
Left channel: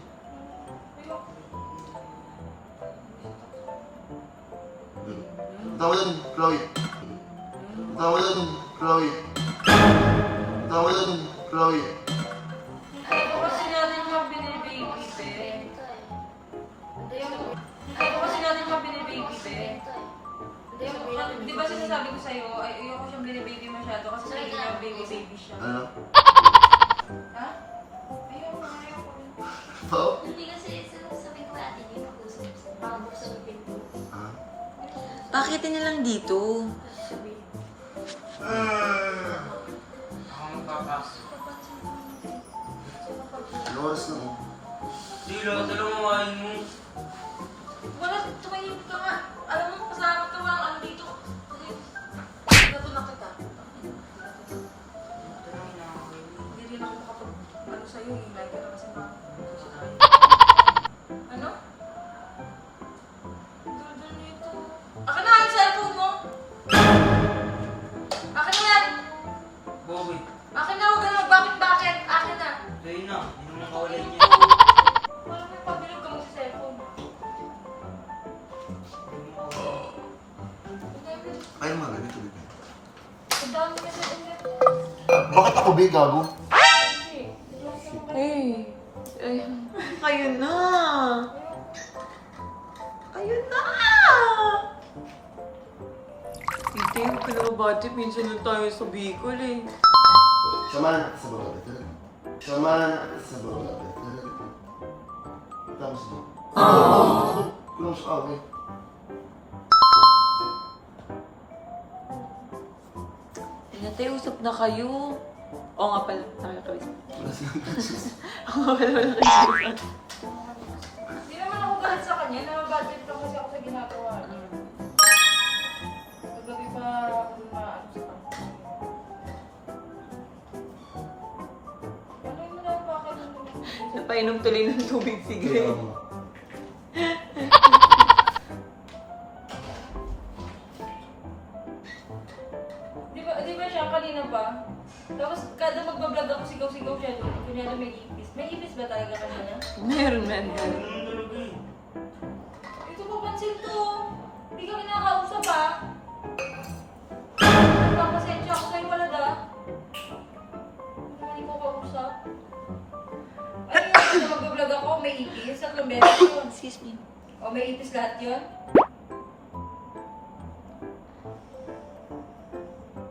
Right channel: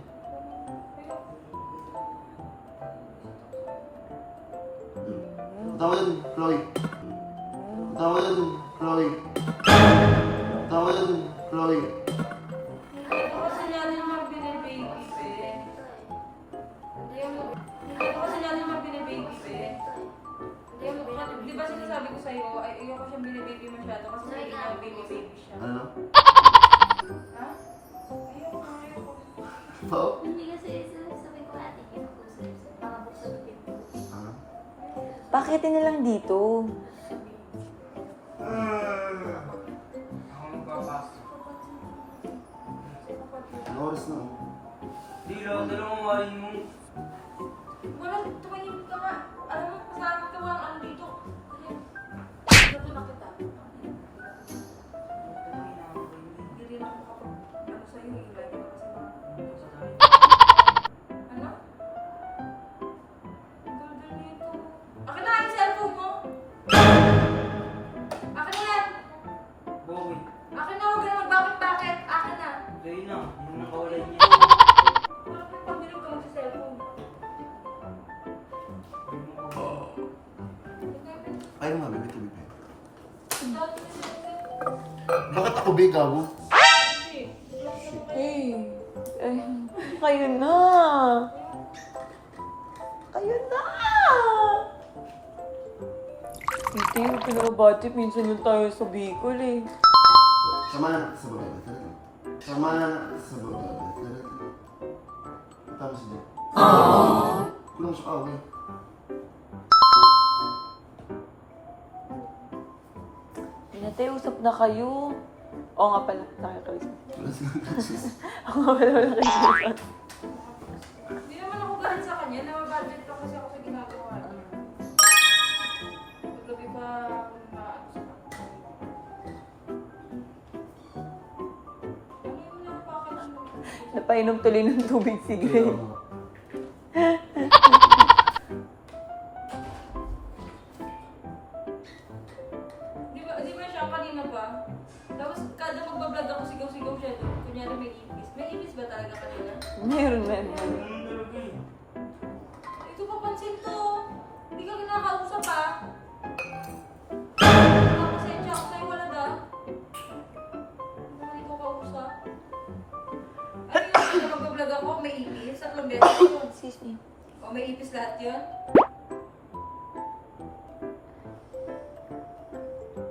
Tawag dun, Chloe. Tawag dun, Chloe. Tawag dun, Chloe. Hindi ko kasi natin mabini-baby, be. Hindi ko kasi natin mabini-baby, be. Di ba sinasabi ko sa'yo, ay ayoko siyang binibaby masyado kasi sa niya baby-baby siya. Ano? Ha? Ayoko. Pao? Hindi kasi sabi ko ate niya mag-usap. Pabuksan yung pinto. Ah? Pakitin niya lang dito. Ako magpapasok. Lord, oras na. Oh. Di lang, dalawang main mo. Wala, tumahimik ka nga. Alam mo, pasalamat ka walang ano dito. Gato na kita. Hindi rin ako makapag, ano sa'yo, like ka na kasi ano? Dudul nito. Akin na nga yung cellphone mo! Akin na yan! Bakit? Akin na, huwag ka na magbakit-bakit! Akin na! Sa'yo na, hindi mo nakawala niya. Wala ko yung pabilib ka magsa-cellphone. Kaya mo nga, dito, dito. Ang dami niya sa internet. Bakit ako big, gago? Kayo na. Kayo na. Hindi, huwag ka na budget. Minsan lang tayo sa Bicol eh. Samahan na sa baba, talaga. Samahan na sa baba, talaga. Tapos na. Kulong sa away. Natay, usap na kayo. Oo nga pala, nakakausap. Kasi Oo nga pala, nakakausap. Hindi naman ako galit sa kanya, na-budget lang kasi ako sa ginagawa niya. Paggabi pa ako maano sa kanya. Ano mo na pakatulog? Napainom tuloy ng tubig, sige. Di ba siya kanina pa? Tapos kada magbablog ako, sigaw-sigaw siya doon. Kunyari may ipis. May ipis ba talaga kanina? Meron na. Ano talaga eh? Ito papansin to. Hindi ka kinakausap ha. Pasensya ako sa'yo, wala da. Hindi naman ikaw kausap. Ano yun? Kung magbablog ako, may ipis. 3 beses yun. Excuse me. O may ipis lahat yun.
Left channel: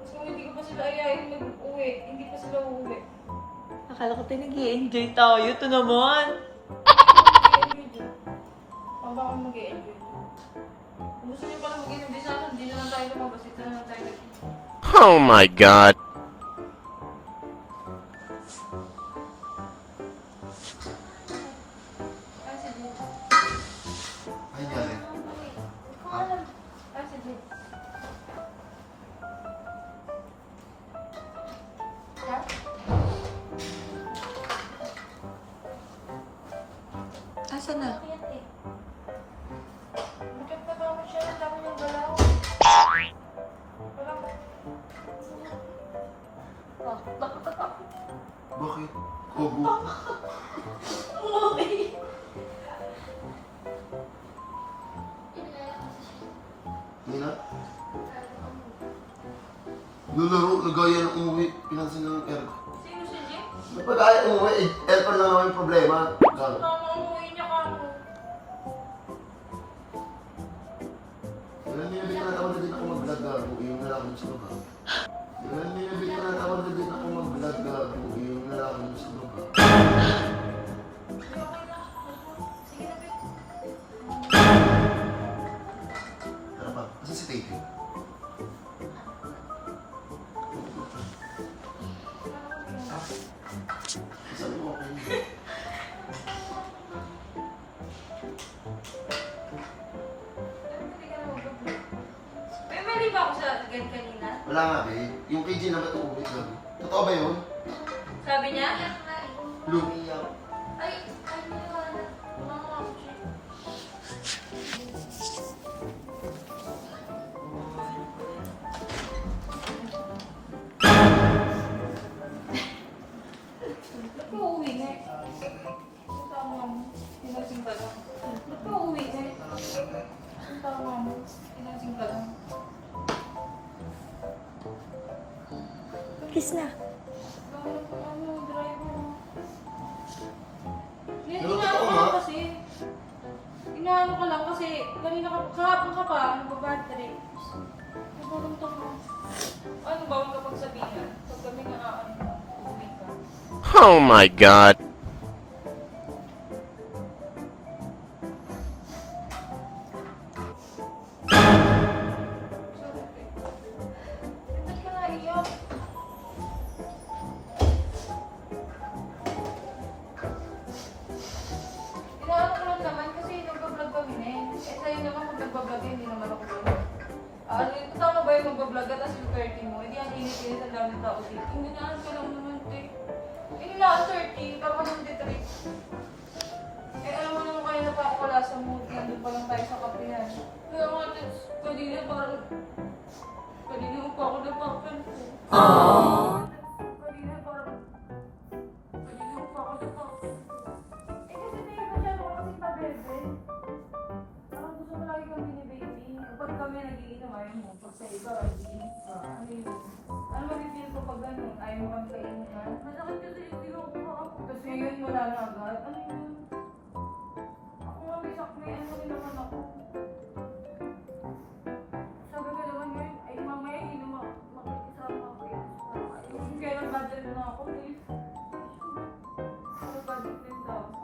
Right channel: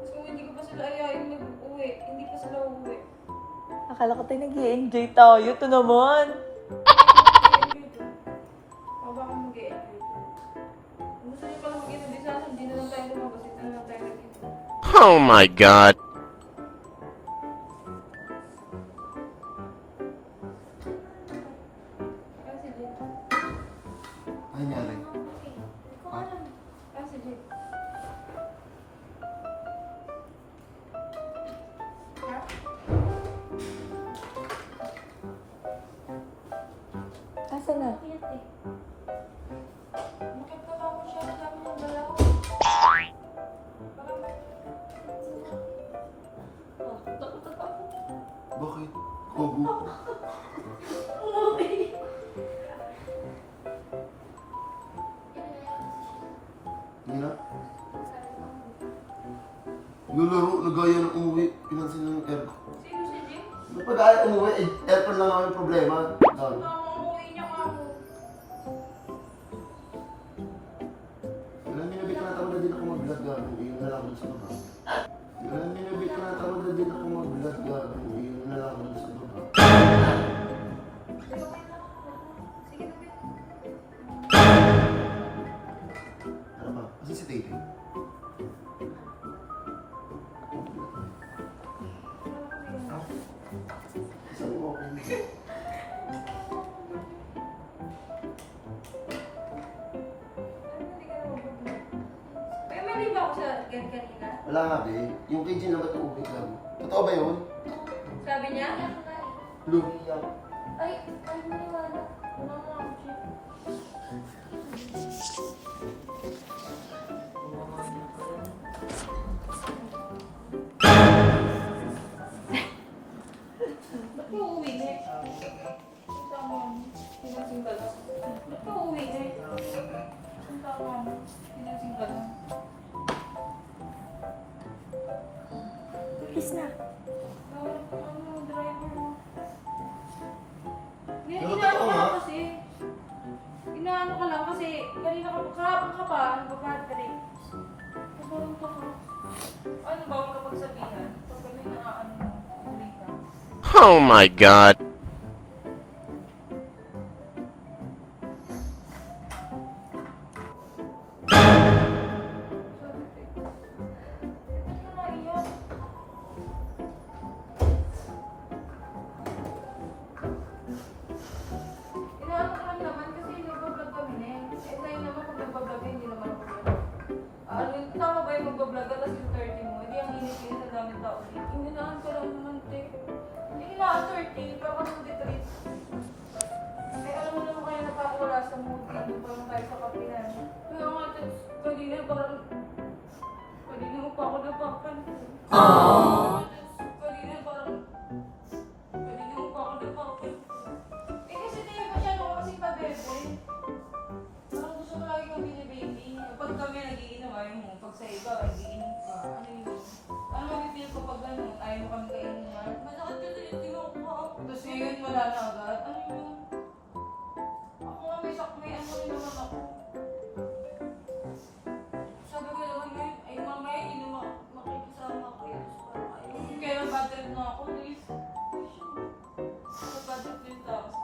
So hindi ko pa sila ayayin mag-uwi. Hindi pa sila uuwi. Akala ko tayo nag-i-enjoy tayo. Ito naman. Mag-i-enjoy doon. Pang baka mag-i-enjoy doon. Kung gusto niyo pala mag-enjoy sa akin, hindi na lang tayo lumabas. Dito na lang tayo nag-enjoy. Oh my god. Ay, si Jin. Ano nangyari? Ikaw alam. Ay, si Jin. Ha? Asa na? Bakit eh? Bakit pa naman siya? Ang dami niyang galaw. Parang... Ah, nakakatakot. Bakit? Kobo. Hindi na? Yung laro, nagaya ng umuwi, pinansin ng aircon. Sino si Jin? Napag-aya umuwi, aircon lang naman yung problema. Gago. Mama, ang uwi niya ka ako. Kailan nilabit na tawag na din ako mag-vlog, gago. Yung nalaman sa baba. Kailan nilabit na tawag na din ako mag-vlog, gago. Yung nalaman sa baba. Sige na, Pete. Ano ba? Kasi si Tate. Sabi mo okay. Hindi ka na mag-vlog. May mali ba ako sa gan kanina? Wala nga, be. Yung kay Jin na ba't uuwi, gago? Totoo ba yun? Sabi niya? Lumiyak. Ay, ano yun? Wala mo ako, Jin. Ba't ka uuwi, Nek? Ang tama mo. Pinasing ka lang. Ba't ka uuwi, Nek? Ang tama mo. Pinasing ka lang. Kiss na. Ano, driver mo? Yan, Pero inaano totoo ka nga. lang kasi. Inaano ka lang kasi kanina kahapon ka pa, nagbabattery. Nagbarong to mo. Ano ba ang kapag sabihin? Pag kami na uuwi ka. Oh my god. Ba't ka naiyak? daming tao dito. Hingaan ka lang naman, te. Yung na, 30, parang ka nang detrip. Eh, alam mo naman kayo na pa ako wala sa mood. Nandun pa lang tayo sa kapihan. Kaya nga, Tets, kanina parang... Kanina mo pa ako napapan ko. Kanina parang... Kanina mo pa ako napapan ko. Eh, kasi tayo masyado ko kasing pa-bebe. Parang gusto ko lagi kang bini-baby. Pag kami nagiinom, ayaw mo. Pag sa iba, nagiinom ka. Ano yun? Ano mabibili ko pag gano'n? Ayaw mo kang kainin ha? Masakit kasi yung kinukuha ako. Tapos ngayon wala na agad. Ano yun? Ako nga may sakme. Ano rin naman ako? Sabi ko naman ngayon, ay mamaya hindi na makikisama ako yun. Kaya nag-budget na ako. Please. Nag-budget din tapos.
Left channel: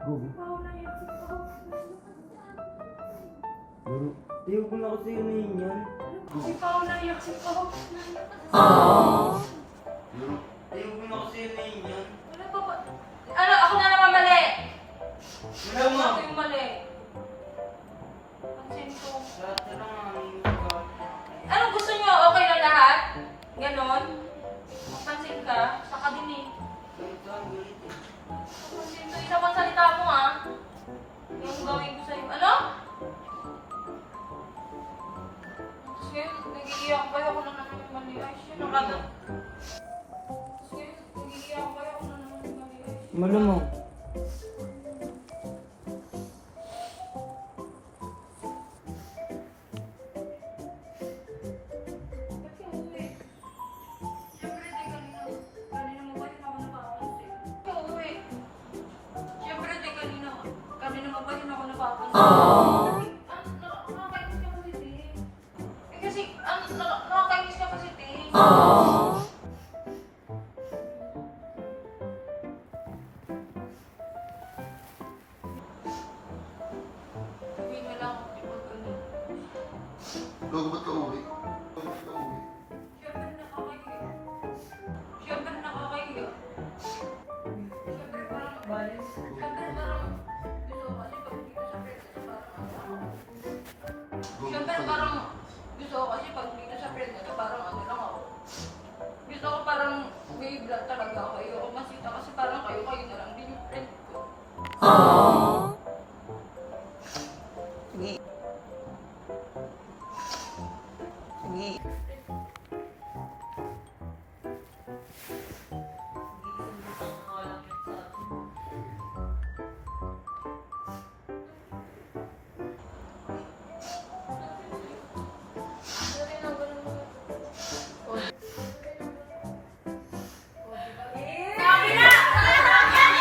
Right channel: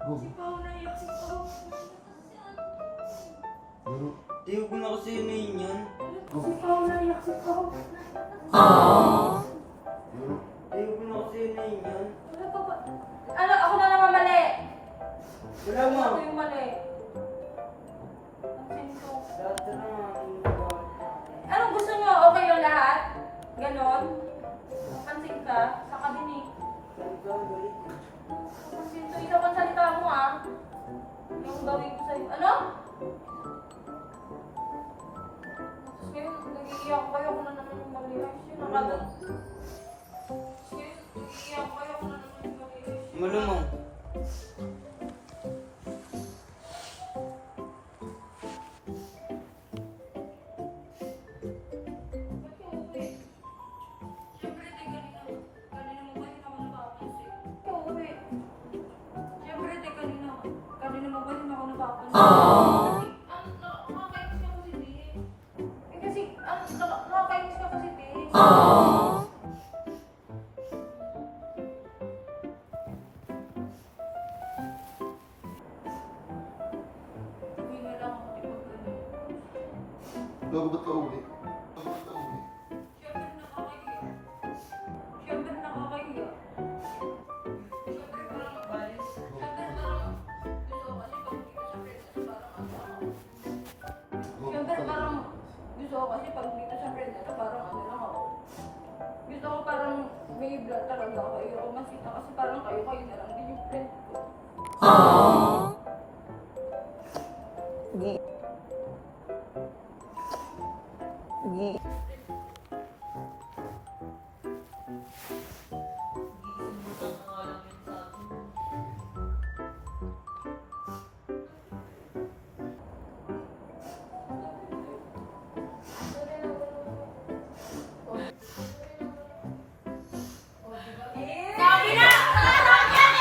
Go. Sipaw na yun, sipaw. Pero, Tiyo ko na kasi yun na yun yan. Sipaw na yun, sipaw. pero, Tiyo ko na kasi yun na yun yan. Wala pa ba? Ano? Ako na naman mali! Wala mo. Ako yung mali. Atsin ko. Lahat na lang ang pagkakot. Anong gusto nyo? Okay lang lahat? Ganon? Pansin ka? Saka din eh. Ganito ang galit eh. Pansin ko. Isa pang salita mo ah. Yung gawin ko sa'yo. Ano? Tapos ngayon, nag-iiyak pa ako na naman yung mali. Ay, siya nakagat. Tapos ngayon, nag-iiyak pa ako na naman yung mali. Ay, siya. Wala mo. Ba't ka uuwi? Siyempre, di kanina. Kanina mo ba yun ako napapansin? Ba't ka uuwi? Siyempre, di kanina. Kanina mo ba yun ako napapansin? Nakakainis ka kasi, di. Eh, kasi, nakakainis ka kasi, di. Sabihin mo lang, di ba ganun? gago ba't ka uwi? Gago ba't ka uwi? Siyempre nakakahiya. Siyempre nakakahiya. Siyempre parang Siyempre parang gusto ko kasi pag dito sa friend kasi parang ano. Gago Siyempre ka parang gusto ko kasi pag dito sa friend kasi parang ano lang ako. Gusto ko parang may blood talaga ako. Ayoko masita kasi parang kayo na lang din yung friend ko. Sabi na! Sabi na!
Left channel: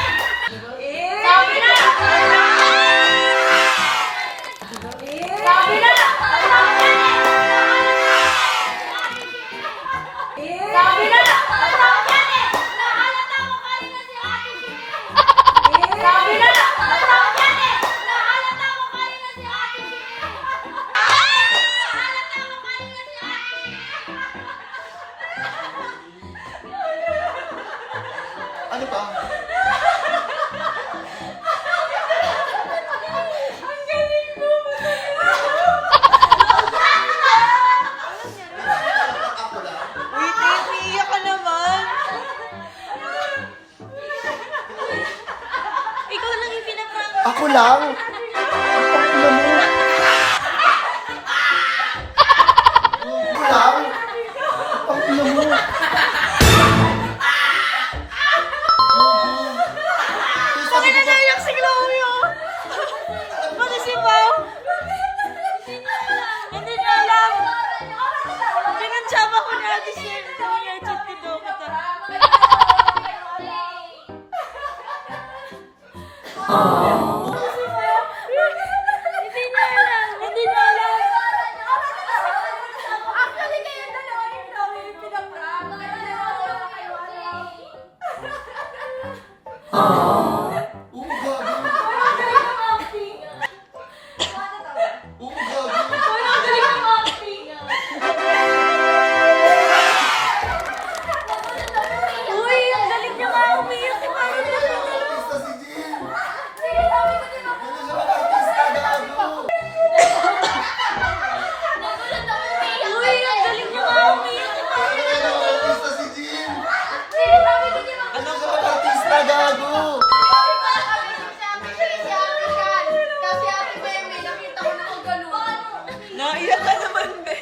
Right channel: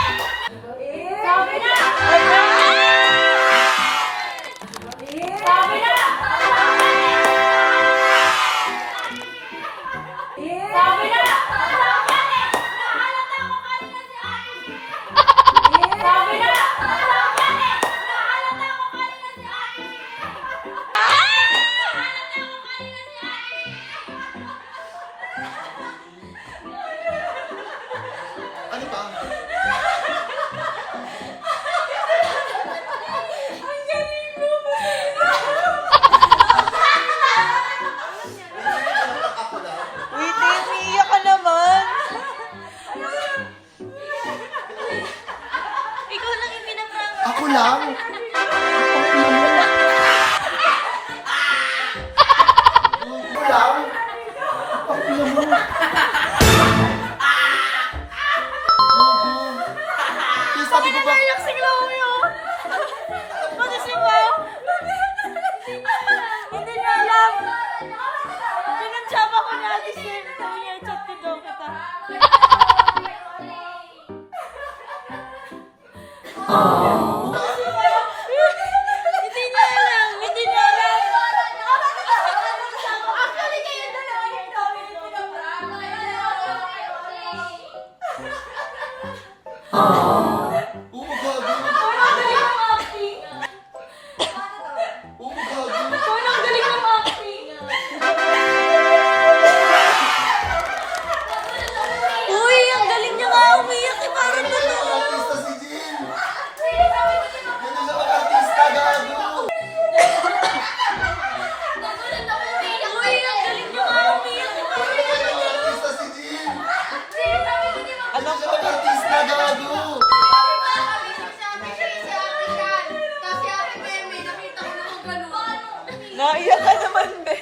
Sabi na! Sabi na! Nahalata ko kanina si Ate Shea. Sabi na! Nahalata ko kanina si Ate Shea. Nahalata ko kanina si Ate Shea. Ano ba? Ako lang. Uy, te, umiiyak ka naman. Ikaw lang yung pinapang... Ako lang? Ang ina mo. Ako lang? Ang ina mo. Bakit na naiyak si Chloe? Bakit si Mau? Hindi niya alam. Pinansyama ko ni Ate Shea. Sabi niya, chat ko daw kita. Hindi niya alam. Hindi niya alam. Actually, kayo dalawa yung dami yung pinaprank. Kaya dalawa yung Oo, gago. Oo, gago. Uy, ang galing niya nga umiyak. Parang totoo. Artista si Naiyak ka naman, be.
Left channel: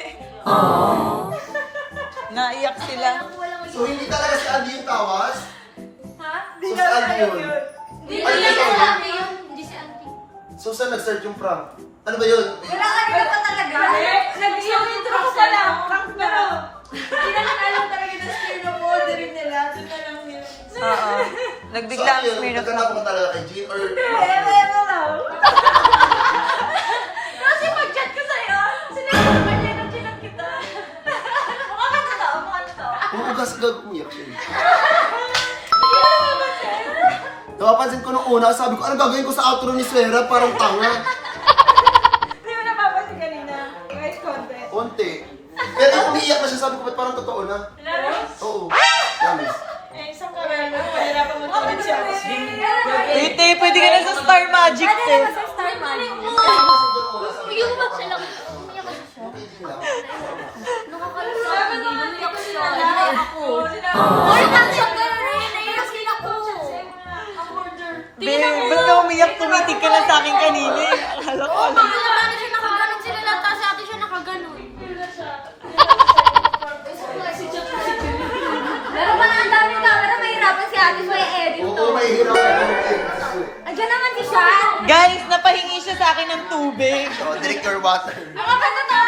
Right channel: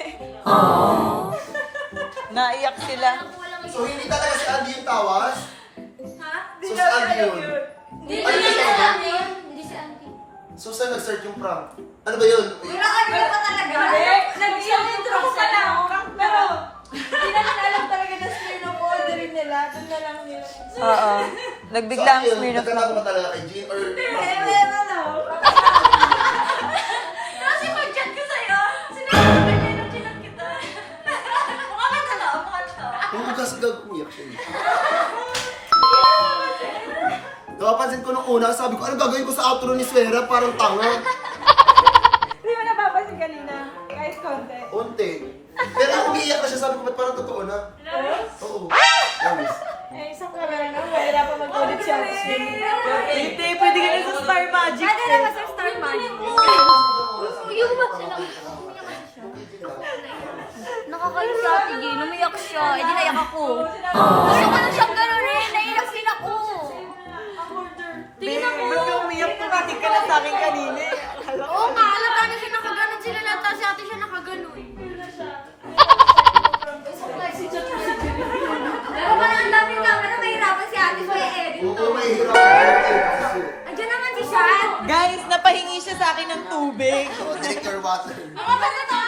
Naiyak sila. So, hindi talaga si Andy yung tawas? Ha? So, si Andy yun? Hindi Ano si yung tawag? Auntie yun. Hindi si Auntie. So, saan nag-start yung prank? Ano ba yun? Wala ka rin naman talaga. Nag-intro ka na. Pero, Hindi na lang alam talaga na sinuorderin nila. Doon na lang nila. oo. Nagbigla ang So, ano yun? Smirnoff Nagkala lang. ko ba talaga kay Jean? Or Kasi pag-chat ko sa'yo, sinabi ko na yung chinang kita. Mukha ka totoo, mukha totoo. Uugas ka, umiyak siya. Napapansin ko nung una, sabi ko, ano gagawin ko sa outro ni Swera? Parang tanga. Hindi mo napapansin kanina. Guys, konti. Unti. Pero yung umiiyak na siya, sabi ko, ba't parang totoo na? Oo. Promise. Eh, isang kamera na. Mahirapan mag-ulit siya. Tete, pwede ka na sa Star Magic. Pwede naman sa Star Magic. Yung ba sila? Nakakalusa, sige, lumiyak siya. Eh, di naiyak ako. Wala lang siyang gano'n rin, naiyak din ako. Babe, ba't ka umiyak? Tumitig ka na sa akin kanina. Akala ko. Oo, mahalata na siya nakaganon sila lang, tapos si ate siya nakaganon. Pero pala ang daming camera, mahirapan si ate sa edit. Oo, may hirap ako. Andiyan naman si Sean. Guys, napahingi siya sa akin ng tubig. So, drink your water. Mga pagkatao.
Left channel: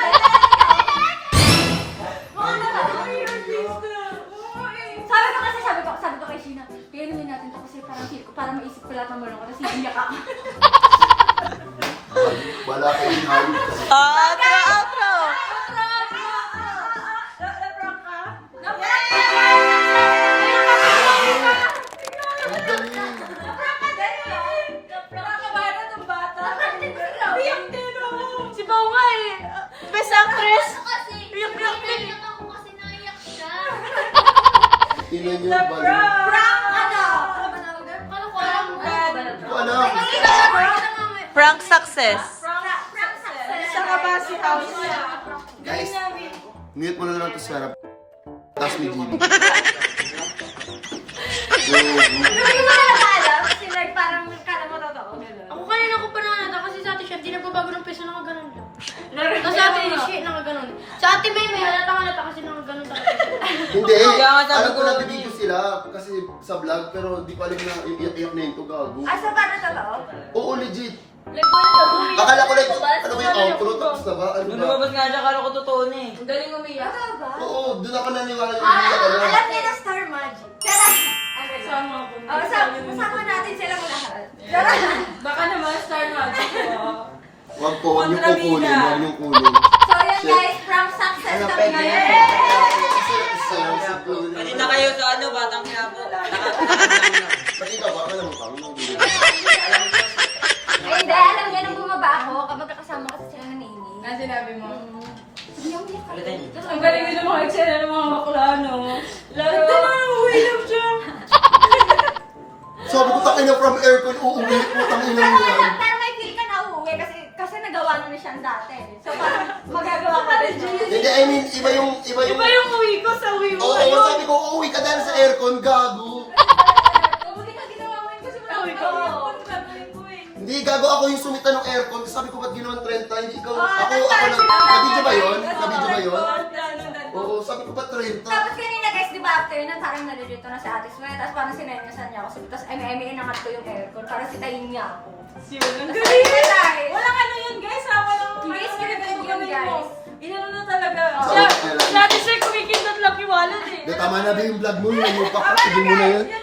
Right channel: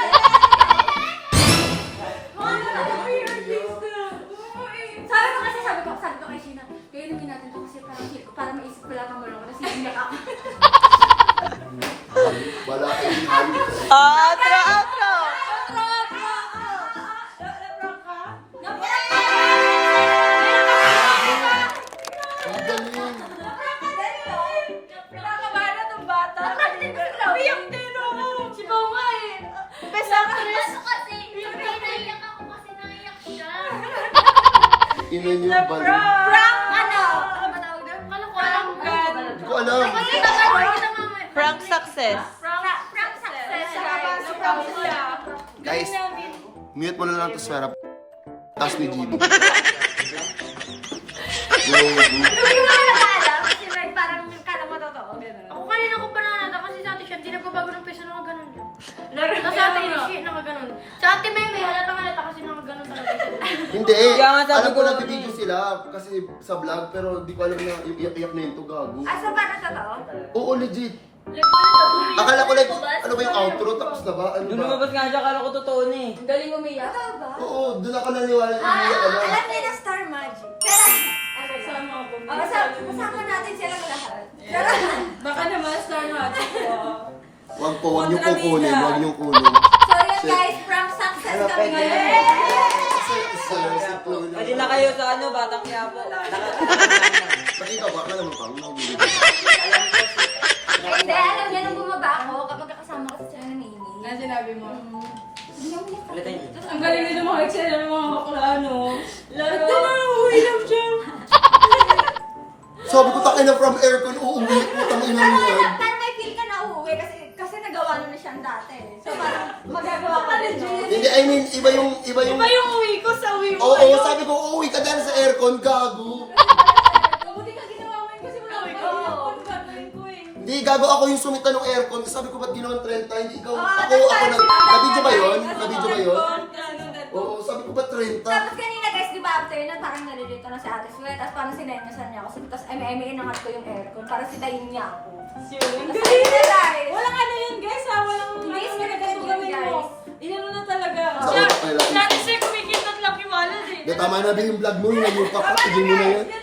Sabi ko kay Sheena, kaya namin natin ito kasi parang feel ko, para maisip ko lang mo lang kasi hindi ka. Wala kayo yung hayop kasi. Outro, outro! Ang galing. Nakakabahan na itong bata. Iyak din ako. Si Bao nga eh. Best actress! Kasi, iyak ako kasi naiyak siya. Ina niyo ba? yun? Prank ano? Ano ba tawag doon? Kala ko alam mo. Hindi ko alam. Prank success. Prank success. Nakabasi kami siya. Guys, mute mo na lang ito, Swera. Tapos ni Gigi. Hindi ko alam kasi like parang kala mo totoo. Ako kanina ko pa nakakita kasi sa ate siya, di nagbabago ng peso, nakaganon lang. Kasi ate siya, nakaganon. Sa ate may halata kasi nakaganon talaga siya. Hindi. Kaya nga sabi Alam ko ko- nabibigyo sila kasi sa vlog, pero di ko alam na iyak na yun to, gago. Ah, so paano totoo? Oo, legit. Akala ko like, ano ba yung outro? Tapos na ba? Ano Nung ba? lumabas nga siya, kala ko totoo na eh. Ang galing umiyak. Totoo ba? Oo, doon ako naniwala yung umiyak ka na. Alam nila Star Magic. Tara! Sama ako. Kasama natin silang lahat. Tara! Baka naman Star Magic. Huwag po, huwag niyo po kunin, huwag niyo kunin. So yun guys, prank success kami ngayon. Si Chloe. Pwede na kayo sa ano, Batang Quiapo. Nakita ba? Alam mo pa? Hindi, alam niya nang bumaba ako kapag kasama kasi sila ni Nini. Ano sinabi mo? Sabi niya, umiyak ako. Ulitin. Ang galing nila mga eksena ng mga bakla, no? Laro. Ito na, uwilam siya. Sabi ko, takin na from aircon, uuwi, putang ina mo yan. Pero may feel ka na uuwi kasi nagawa na siyang dati. So parang magagawa ka rin. Hindi, I mean, iba yung... Iba yung uwi ko sa uwi mo. Oo, sabi ko, uuwi ka dahil sa aircon, gago. Mabuti ka ginawa mo yun kasi wala Uwi ko. ko. Hindi, gago ako yung sumita ng aircon. Sabi ko, ba't ginawan 30? Hindi ikaw, nabidyo ba yun? Nabidyo ba yun? Oo, sabi ko, ba't 30? Tapos kanina guys, di ba after na parang nalilito na si Ate Sway, tapos parang sinenyasan niya ako. Tapos inangat ko yung aircon para sitayin niya ako. Ang Tapos galing. ayun na guys. Walang ano yan, guys, ha? Walang Hindi, ano, scripted ganito yun, gawin mo. guys. Inano na talaga. Sa- Dati sir, kumikindot lang yung wallet eh. Tama na ba yung vlog mo? Yung pa ka, tigil mo na yun. Yun